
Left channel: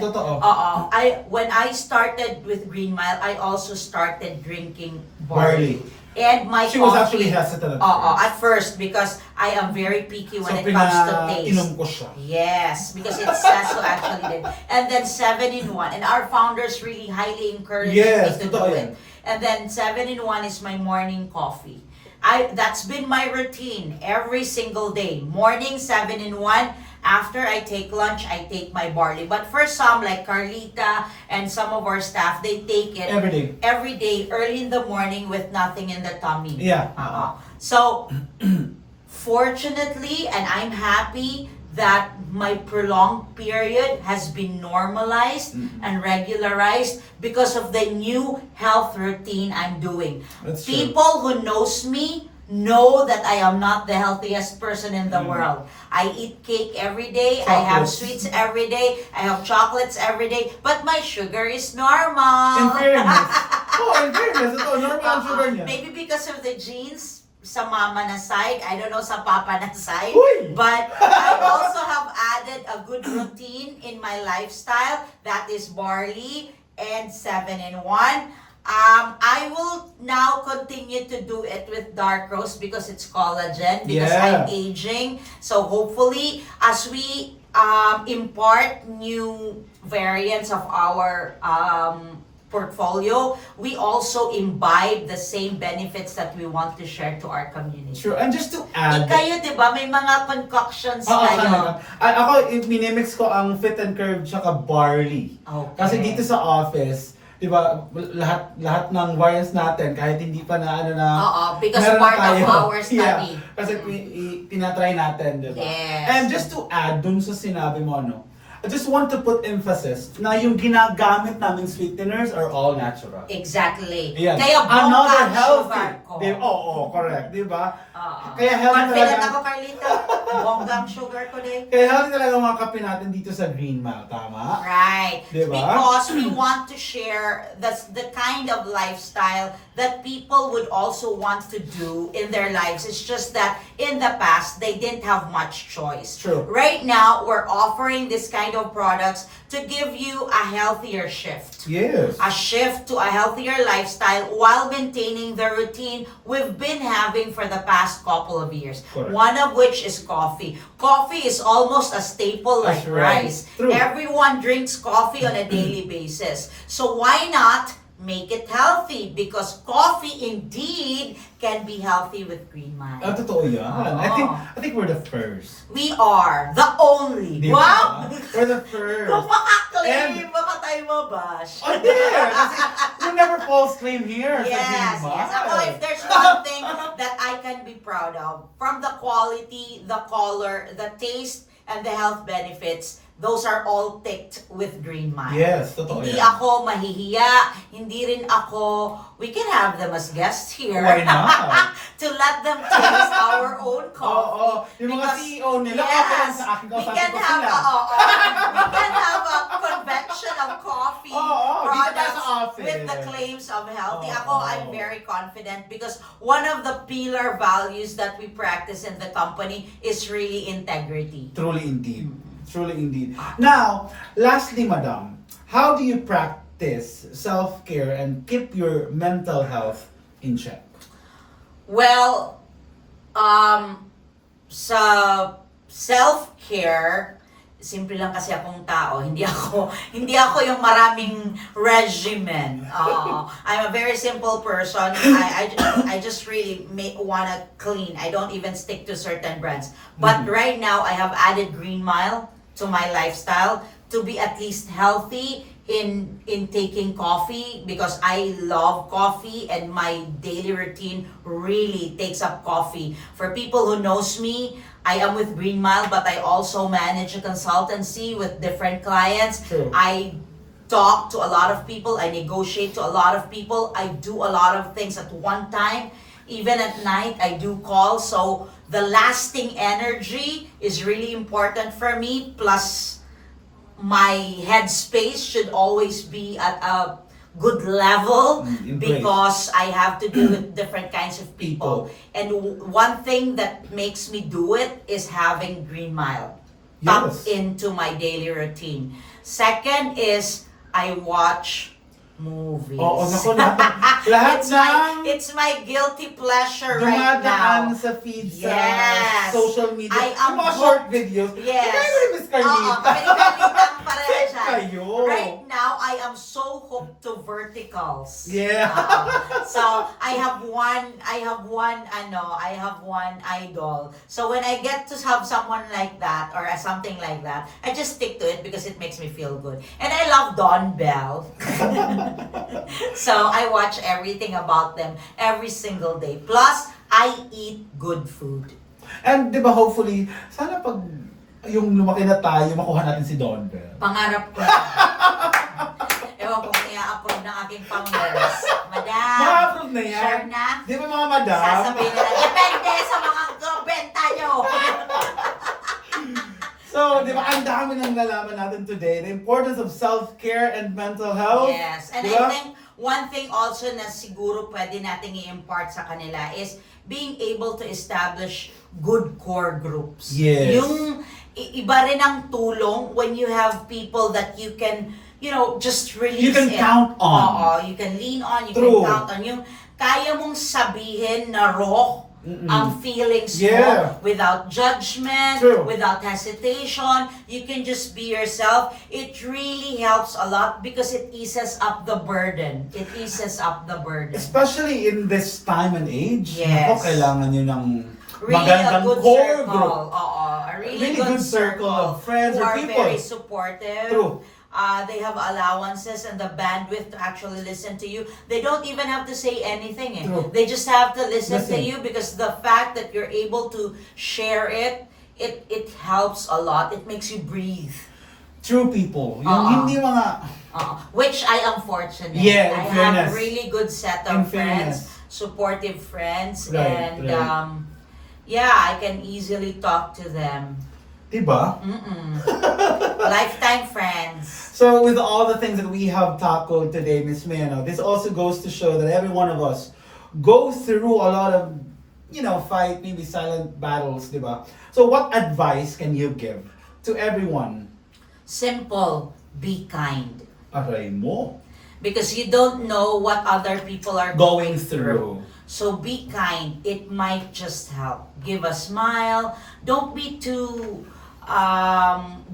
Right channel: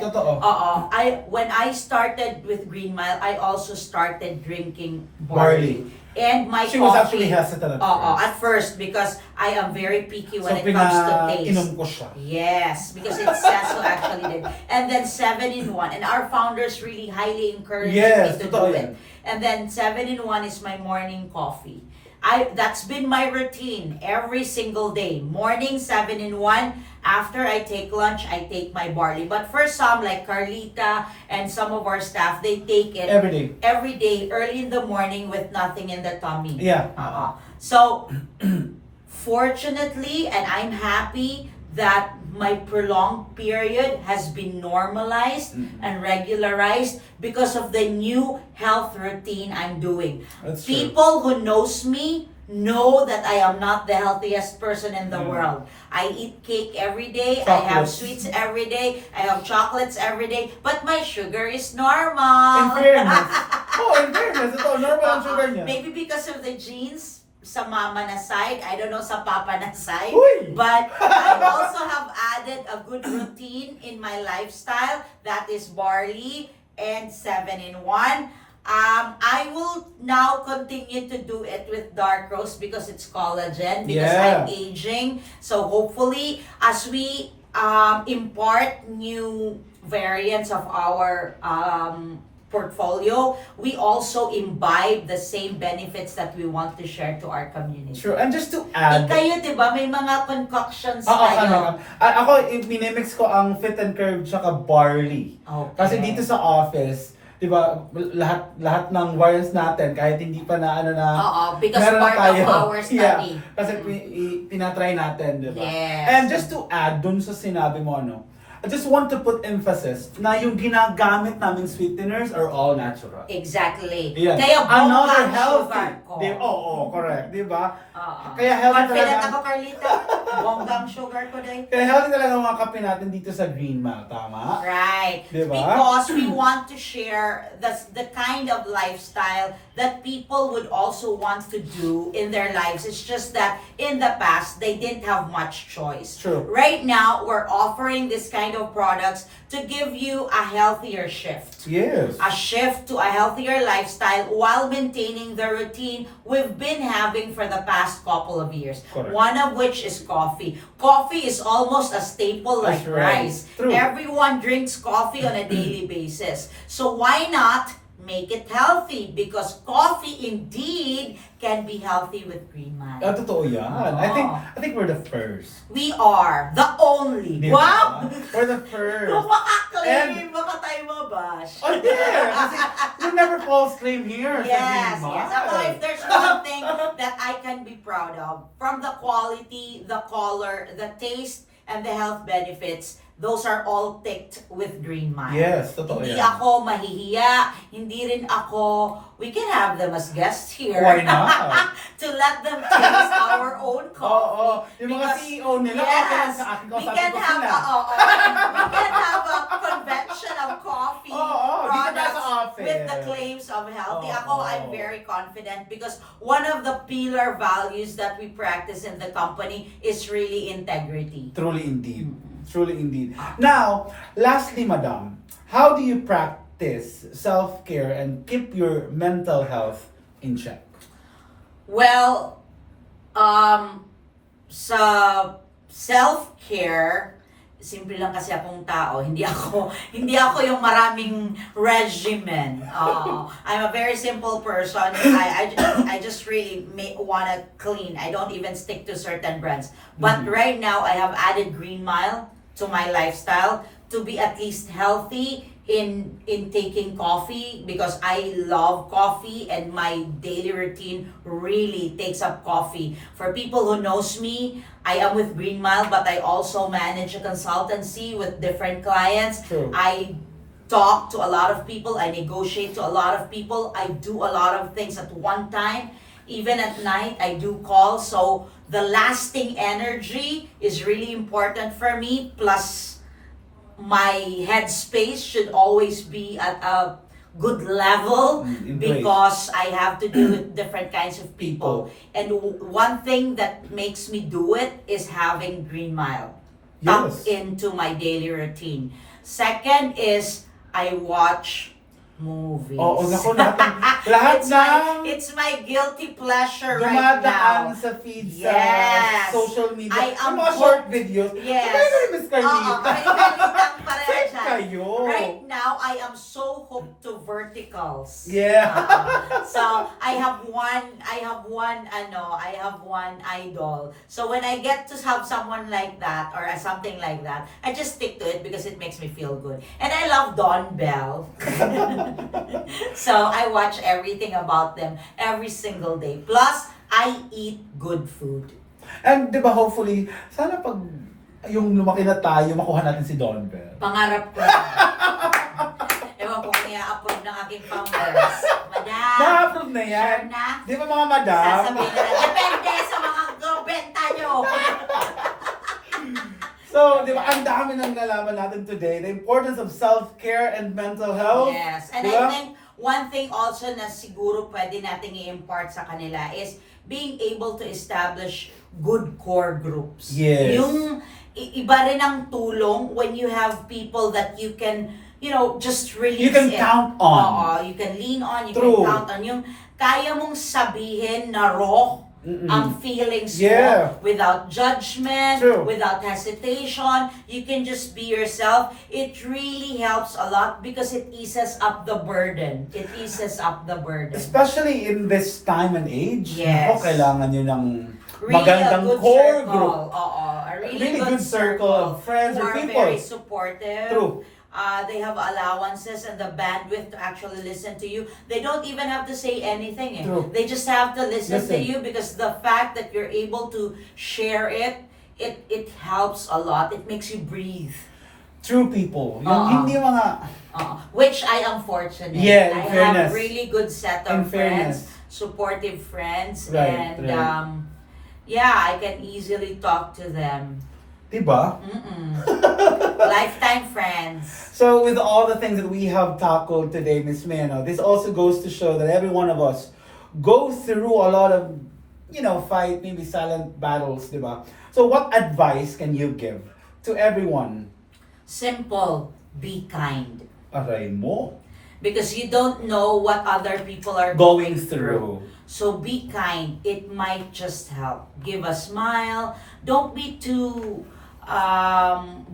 When I started with Green Mile, I also started drinking barley. And my She coffee, was actually hesitant at first because I am very picky when it comes to taste. Inom ko siya. Yes, because it says so actually. And then 7-in-1. And our founders really highly encouraged me to do it. And then 7-in-1 is my morning coffee. That's been my routine every single day. Morning 7-in-1. After I take lunch, I take my barley. But for some, like Carlita and some of our staff, they take it every day, early in the morning with nothing in the tummy. Yeah. So, fortunately, and I'm happy that my prolonged period has been normalized and regularized because of the new health routine I'm doing. That's true. People who knows me know that I am not the healthiest person in the world. I eat cake every day, I have Chocolates. sweets every day, I have chocolates every day, but my sugar is normal. In fairness. In fairness. Ito, normal ang sugar niya. Maybe because of the genes sa mama na side, I don't know sa papa na side, Uy! but I also have added a good routine in my lifestyle, that is barley and 7-in-1. I will now continue to do it with dark roast because it's collagen, because Yeah. I'm aging. So hopefully, as we impart new variants of our portfolio, we also imbibe the same benefits that we want to share to our community. Sure. And just to add, Kayo, di ba, may mga concoctions kami. kayo. Ako, minimix ko ang Fit and Curve tsaka barley. Okay. Kasi dito sa office, di ba, lahat ng variants natin, kahit hindi pa na ano na, Oo, because meron na part of tayo. our study. Yeah, kasi tinatry natin, di ba? Yes. And just to add dun sa sinabi mo, I just want to put emphasis na yung ginagamit naming sweeteners are all natural. Exactly. Yan. Kaya Another bongga ang healthy. sugar ko. Correct. Di ba? Oo. Kaya healthy Confident talaga. ako, Carlita. Bongga ang sugar ko din. Kaya healthy talaga ang mga kape natin dito sa GREENMile, tama? Right. Diba? Because we want to share the kind of lifestyle that people would also want to do in their lives. It's just that in the past, they didn't have much choice. True. Right now, we're offering this kind of products to give you a healthier shift. Yes. A shift to a healthier lifestyle while maintaining the routine we've been having for the past couple of years. Correct. One of which is coffee. Coffee is almost a staple like That's right. rice. True. Everyone drinks coffee on a daily basis. So why not make it healthy? Because coffee indeed can be healthy with GREENMile. Totoo yan. I Oo. think we're the first. We are the only. Di Wow! ba? We're the first. Kung makaklaim, And- baka tayo mabash. Oh, yeah! Kasi we never false claim here sa Yes, GREENMile. yes. Ako, if there's one thing that I can be proud of, from the quality, the color, the taste, and the health benefits, those are all ticked with GREENMile. Yes, totoo Hindi yan. ako mahihiya, hindi rin ako, we can have them as guests here. Why not? To let them taste our own coffee. Yung mga Because- CEO nila, yes, okay sa akin, we kausapin can ko have sila. we can have a convention of coffee Dito tayo products sa office. with the claims of healthy. Ako, Oo. I'm very confident because one of the pillar values that we practice in the company is really integrity. Truly indeed. Truly indeed. Now, lastly, madam, how do you practice self-care and keep your mental health in check? Well, sa self-care, simple lang kasi akong tao. Hindi ako yung maraming regimen. I'm a very simple person. I just really wanna clean. I don't even stick to certain brands. But right now, I have added GREENMile to my lifestyle to be at least healthy in taking coffee, because I love coffee and my daily routine really takes up coffee. For people who knows me, I am with GREENMile, but I also manage a consultancy with different clients. True. I talk to a lot of people, I negotiate to a lot of people, I do a lot of things at one time. Even at night, I do calls. So the lasting energy is really important for me. Plus, my headspace should always be at a good level Embrace. because I have to deal with different kinds of people. And one thing that makes me do it is having GREENMile tucked Yes. into my daily routine. Second is I watch movies. Oo, naku, lahat It's my guilty pleasure right dumadaan now. sa feed Yes. sa social media. I am Yung mga short videos. Yes. Kaya ko rin, Miss Carlita. Oo, kami Carlita, pareha Same dyan. kayo. Right now, I am so hooked to verticals. Yeah. So I have one idol. So when I get to have someone like that or something like that, I just stick to it because it makes me feel good. And I love Don Bell. So I watch everything about them every single day. Plus, I eat good food. And di ba hopefully, sana pag yung lumaki na tayo, makuha natin si Don Bell. Pangarap ko. Ewan ko kung i-approve ng aking founders. Madam. Ma-approve na yan. Sure na? Di ba mga madam? Sasabihin nila, depende sa mga benta nyo. So, di ba, ang dami nang nalaman natin today. The importance of self-care and mental health. Yes. And Diba? I think one thing also na siguro pwede nating i-impart sa kanila is being able to establish good core groups. Yes. Yung iba rin ang tulong when you have people that you can, just release You can it. count on. Oo, you can lean on, you True. can count on. Yung kaya mong sabihin na raw ang feelings Yeah. mo without judgment, True. without hesitation. You can just be yourself. It really helps a lot because it eases up the burden. It eases up the burden. Especially in this time and age. Yes. Ako, kailangan nyo ng Really magandang a good core circle. group. Oo, a Really good circle of friends who or are people. very supportive. True. They have allowances and the bandwidth to actually listen to you. They don't even have to say anything. True. They just have to listen to Listen. you because the fact that you're able to share it helps a lot. It makes you breathe. True people. Yung hindi mga... Which I am fortunate. Yeah, in I fairness. have really good set In of fairness. friends, supportive friends, Right, and right. yeah, I can easily talk to them. Diba? Lifetime friends. So with all the things that we have tackled today, Miss Mano, this also goes to show that every one of us go through a lot of, fight, maybe silent battles, diba? So what advice can you give to everyone? Simple, be kind. Aray mo. Because you don't know what other people are Going through. So be kind. It might just help. Give a smile. Don't be too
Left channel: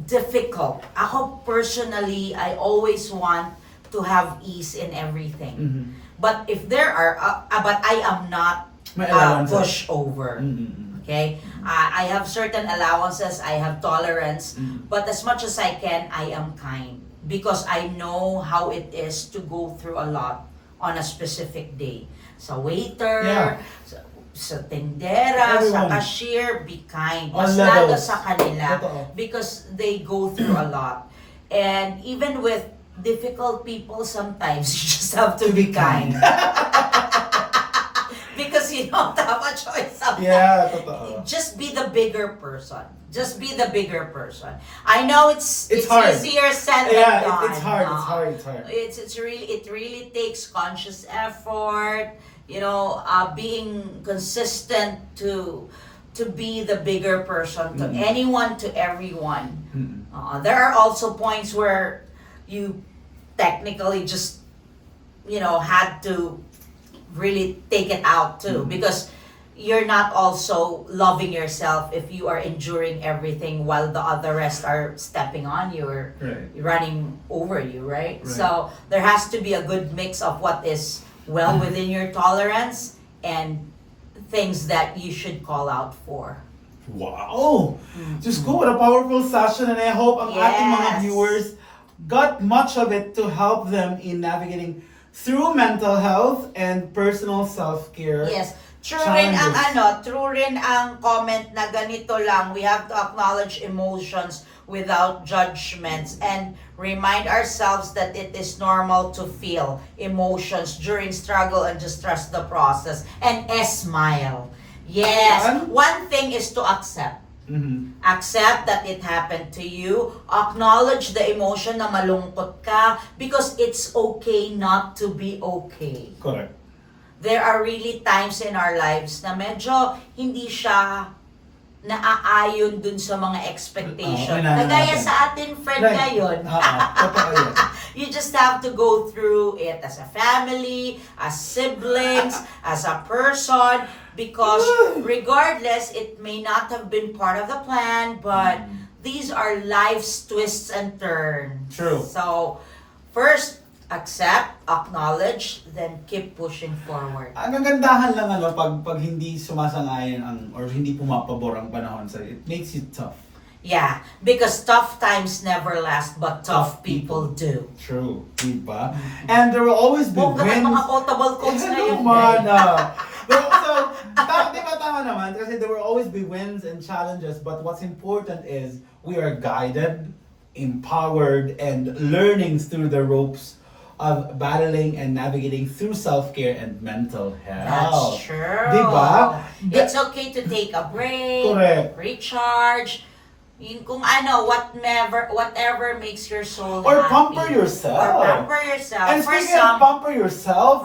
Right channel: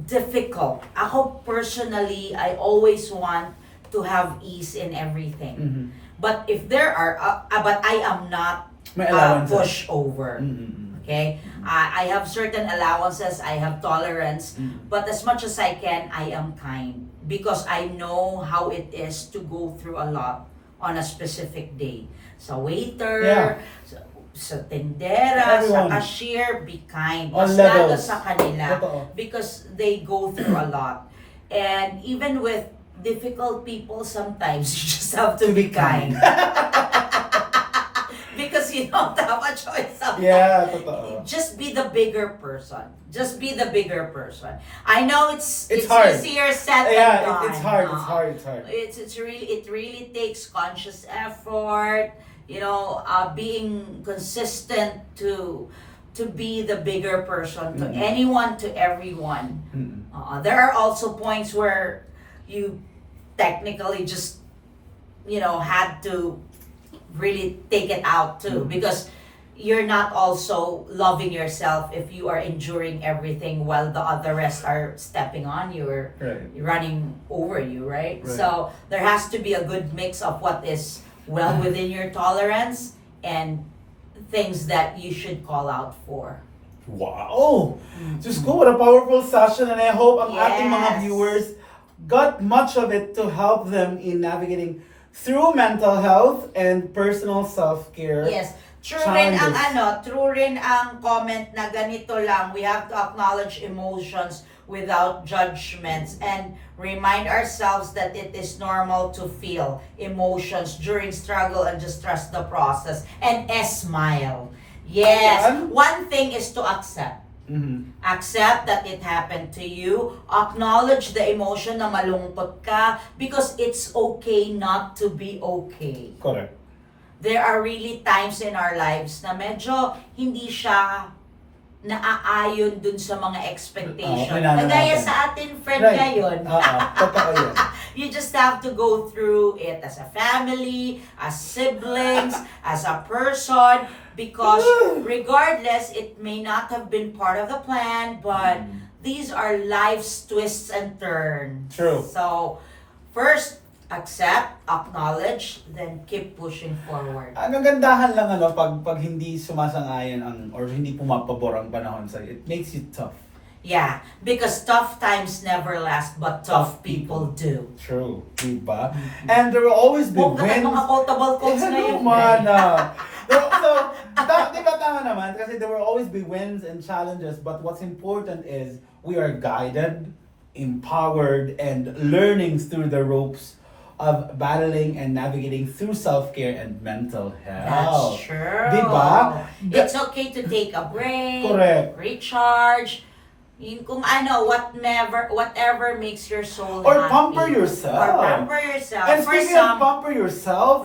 difficult. Ako personally, I always want to have ease in everything. Mhm. But if there are, but I am not May allowances. pushover. Mm-mm. Okay? I have certain allowances, I have tolerance, Mm. but as much as I can, I am kind. Because I know how it is to go through a lot on a specific day. Sa waiter, Yeah. sa tindera, Everyone. sa cashier, be kind. On Mas lalo levels. sa kanila. Totoo. Because they go through a lot. And even with difficult people, sometimes you just have to be kind. Because you don't have a choice sometimes. Yeah, totoo. Just be the bigger person. Just be the bigger person. I know it's hard. easier said Yeah, than done. it's hard. It's hard. It's hard. It really takes conscious effort. Being consistent to be the bigger person to anyone, to everyone. Mm-mm. There are also points where you technically just had to really take it out too, because you're not also loving yourself if you are enduring everything while the other rest are stepping on you or Right. running over you, right? Right. So there has to be a good mix of what is well within your tolerance and things that you should call out for. Wow! Just go, what a powerful session, and I hope ang ating mga Yes. viewers got much of it to help them in navigating through mental health and personal self-care. Yes. True rin Challenges. true rin ang comment na ganito lang, we have to acknowledge emotions without judgments and remind ourselves that it is normal to feel emotions during struggle and just trust the process and smile. Yes. Ayan. One thing is to accept. Mhm. Accept that it happened to you. Acknowledge the emotion na malungkot ka because it's okay not to be okay. Correct. There are really times in our lives na medyo hindi siya naaayon dun sa mga expectation. Okay na Kagaya natin. sa atin, friend Right. ngayon. Totoo yun. You just have to go through it as a family, as siblings, as a person, because regardless, it may not have been part of the plan, but these are life's twists and turns. True. So, first, accept, acknowledge, then keep pushing forward. Ang gagandahan lang pag hindi sumasang-ayon or hindi pumapabor ang panahon sa'yo, it makes you tough. Yeah, because tough times never last, but tough people do. True, diba? And there will always be Huwag ka wins. mga quotable quotes na yun. So, di ba tama naman? Kasi there will always be wins and challenges, but what's important is we are guided, empowered, and learning through the ropes of battling and navigating through self-care and mental health. That's true. Diba? It's okay to take a break, Correct. recharge, yun kung ano, whatever makes your soul Or happy. pamper yourself. Or pamper yourself. And For speaking some, of pamper yourself,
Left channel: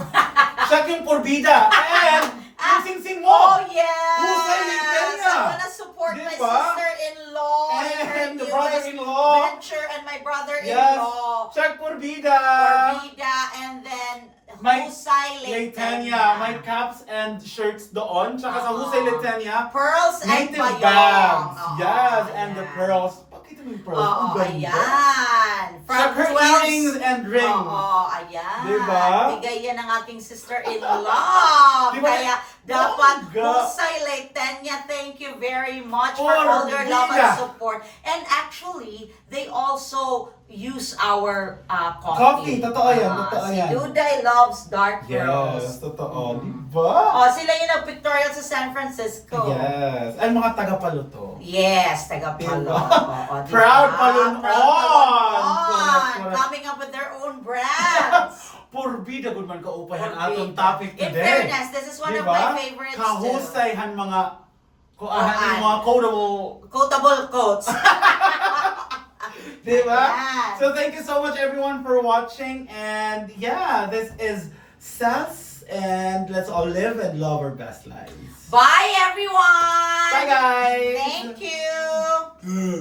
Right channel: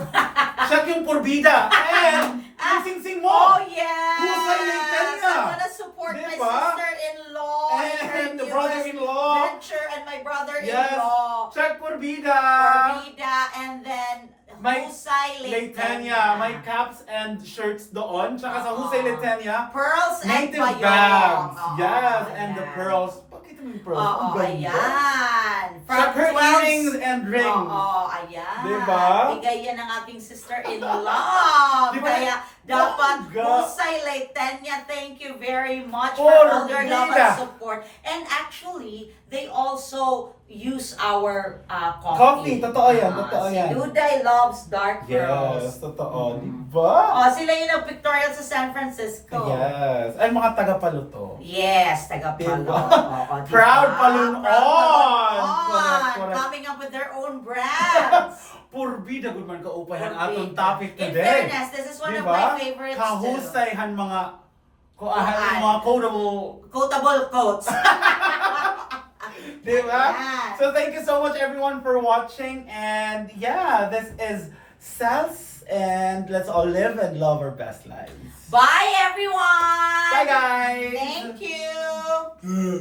check yung Purbida and yung sing-sing mo. oh yes! Husay yung Petilla. I wanna support my Diba? sister-in-law And the her brother-in-law. newest venture and my Yes. brother-in-law. Check Purbida. Vida, and then May Husay Leitania. May caps and shirts doon. Tsaka sa Husay Leitania, Pearls and native Bayong. bags. Oo, Yes, and the ayan. pearls. Pakita mo yung pearls. Oo, Ang ganda. ayan. Check her 12 earrings and rings. Oo, ayan. Diba? Bigay yan ng aking sister-in-law. Diba? Kaya dapat Oh, God. Husay Leitania, thank you very much for Oh, all your love Vida. and support. And actually, they also use our Coffee, totoo yan, totoo si yan. Duday loves dark roast. Yes, totoo. Diba? Oh, sila yung nag-pictorial sa San Francisco. Yes. Ay, mga taga-paluto. Yes, taga-Palo. Diba? Oo, diba? Proud Palunon. Proud Correct, Palunon. correct. Coming up with their own brands. Purbida, good man kaupayan Purbida. atong topic In today. fairness, this is one of Diba? my favorites too. Kahusayhan mga kuahan Kuan. yung mga quotable. Quotable quotes. Diba? Ayan. So thank you so much everyone for watching, and yeah, this is Sas, and let's all live and love our best lives. Bye, everyone. Bye guys. Thank you.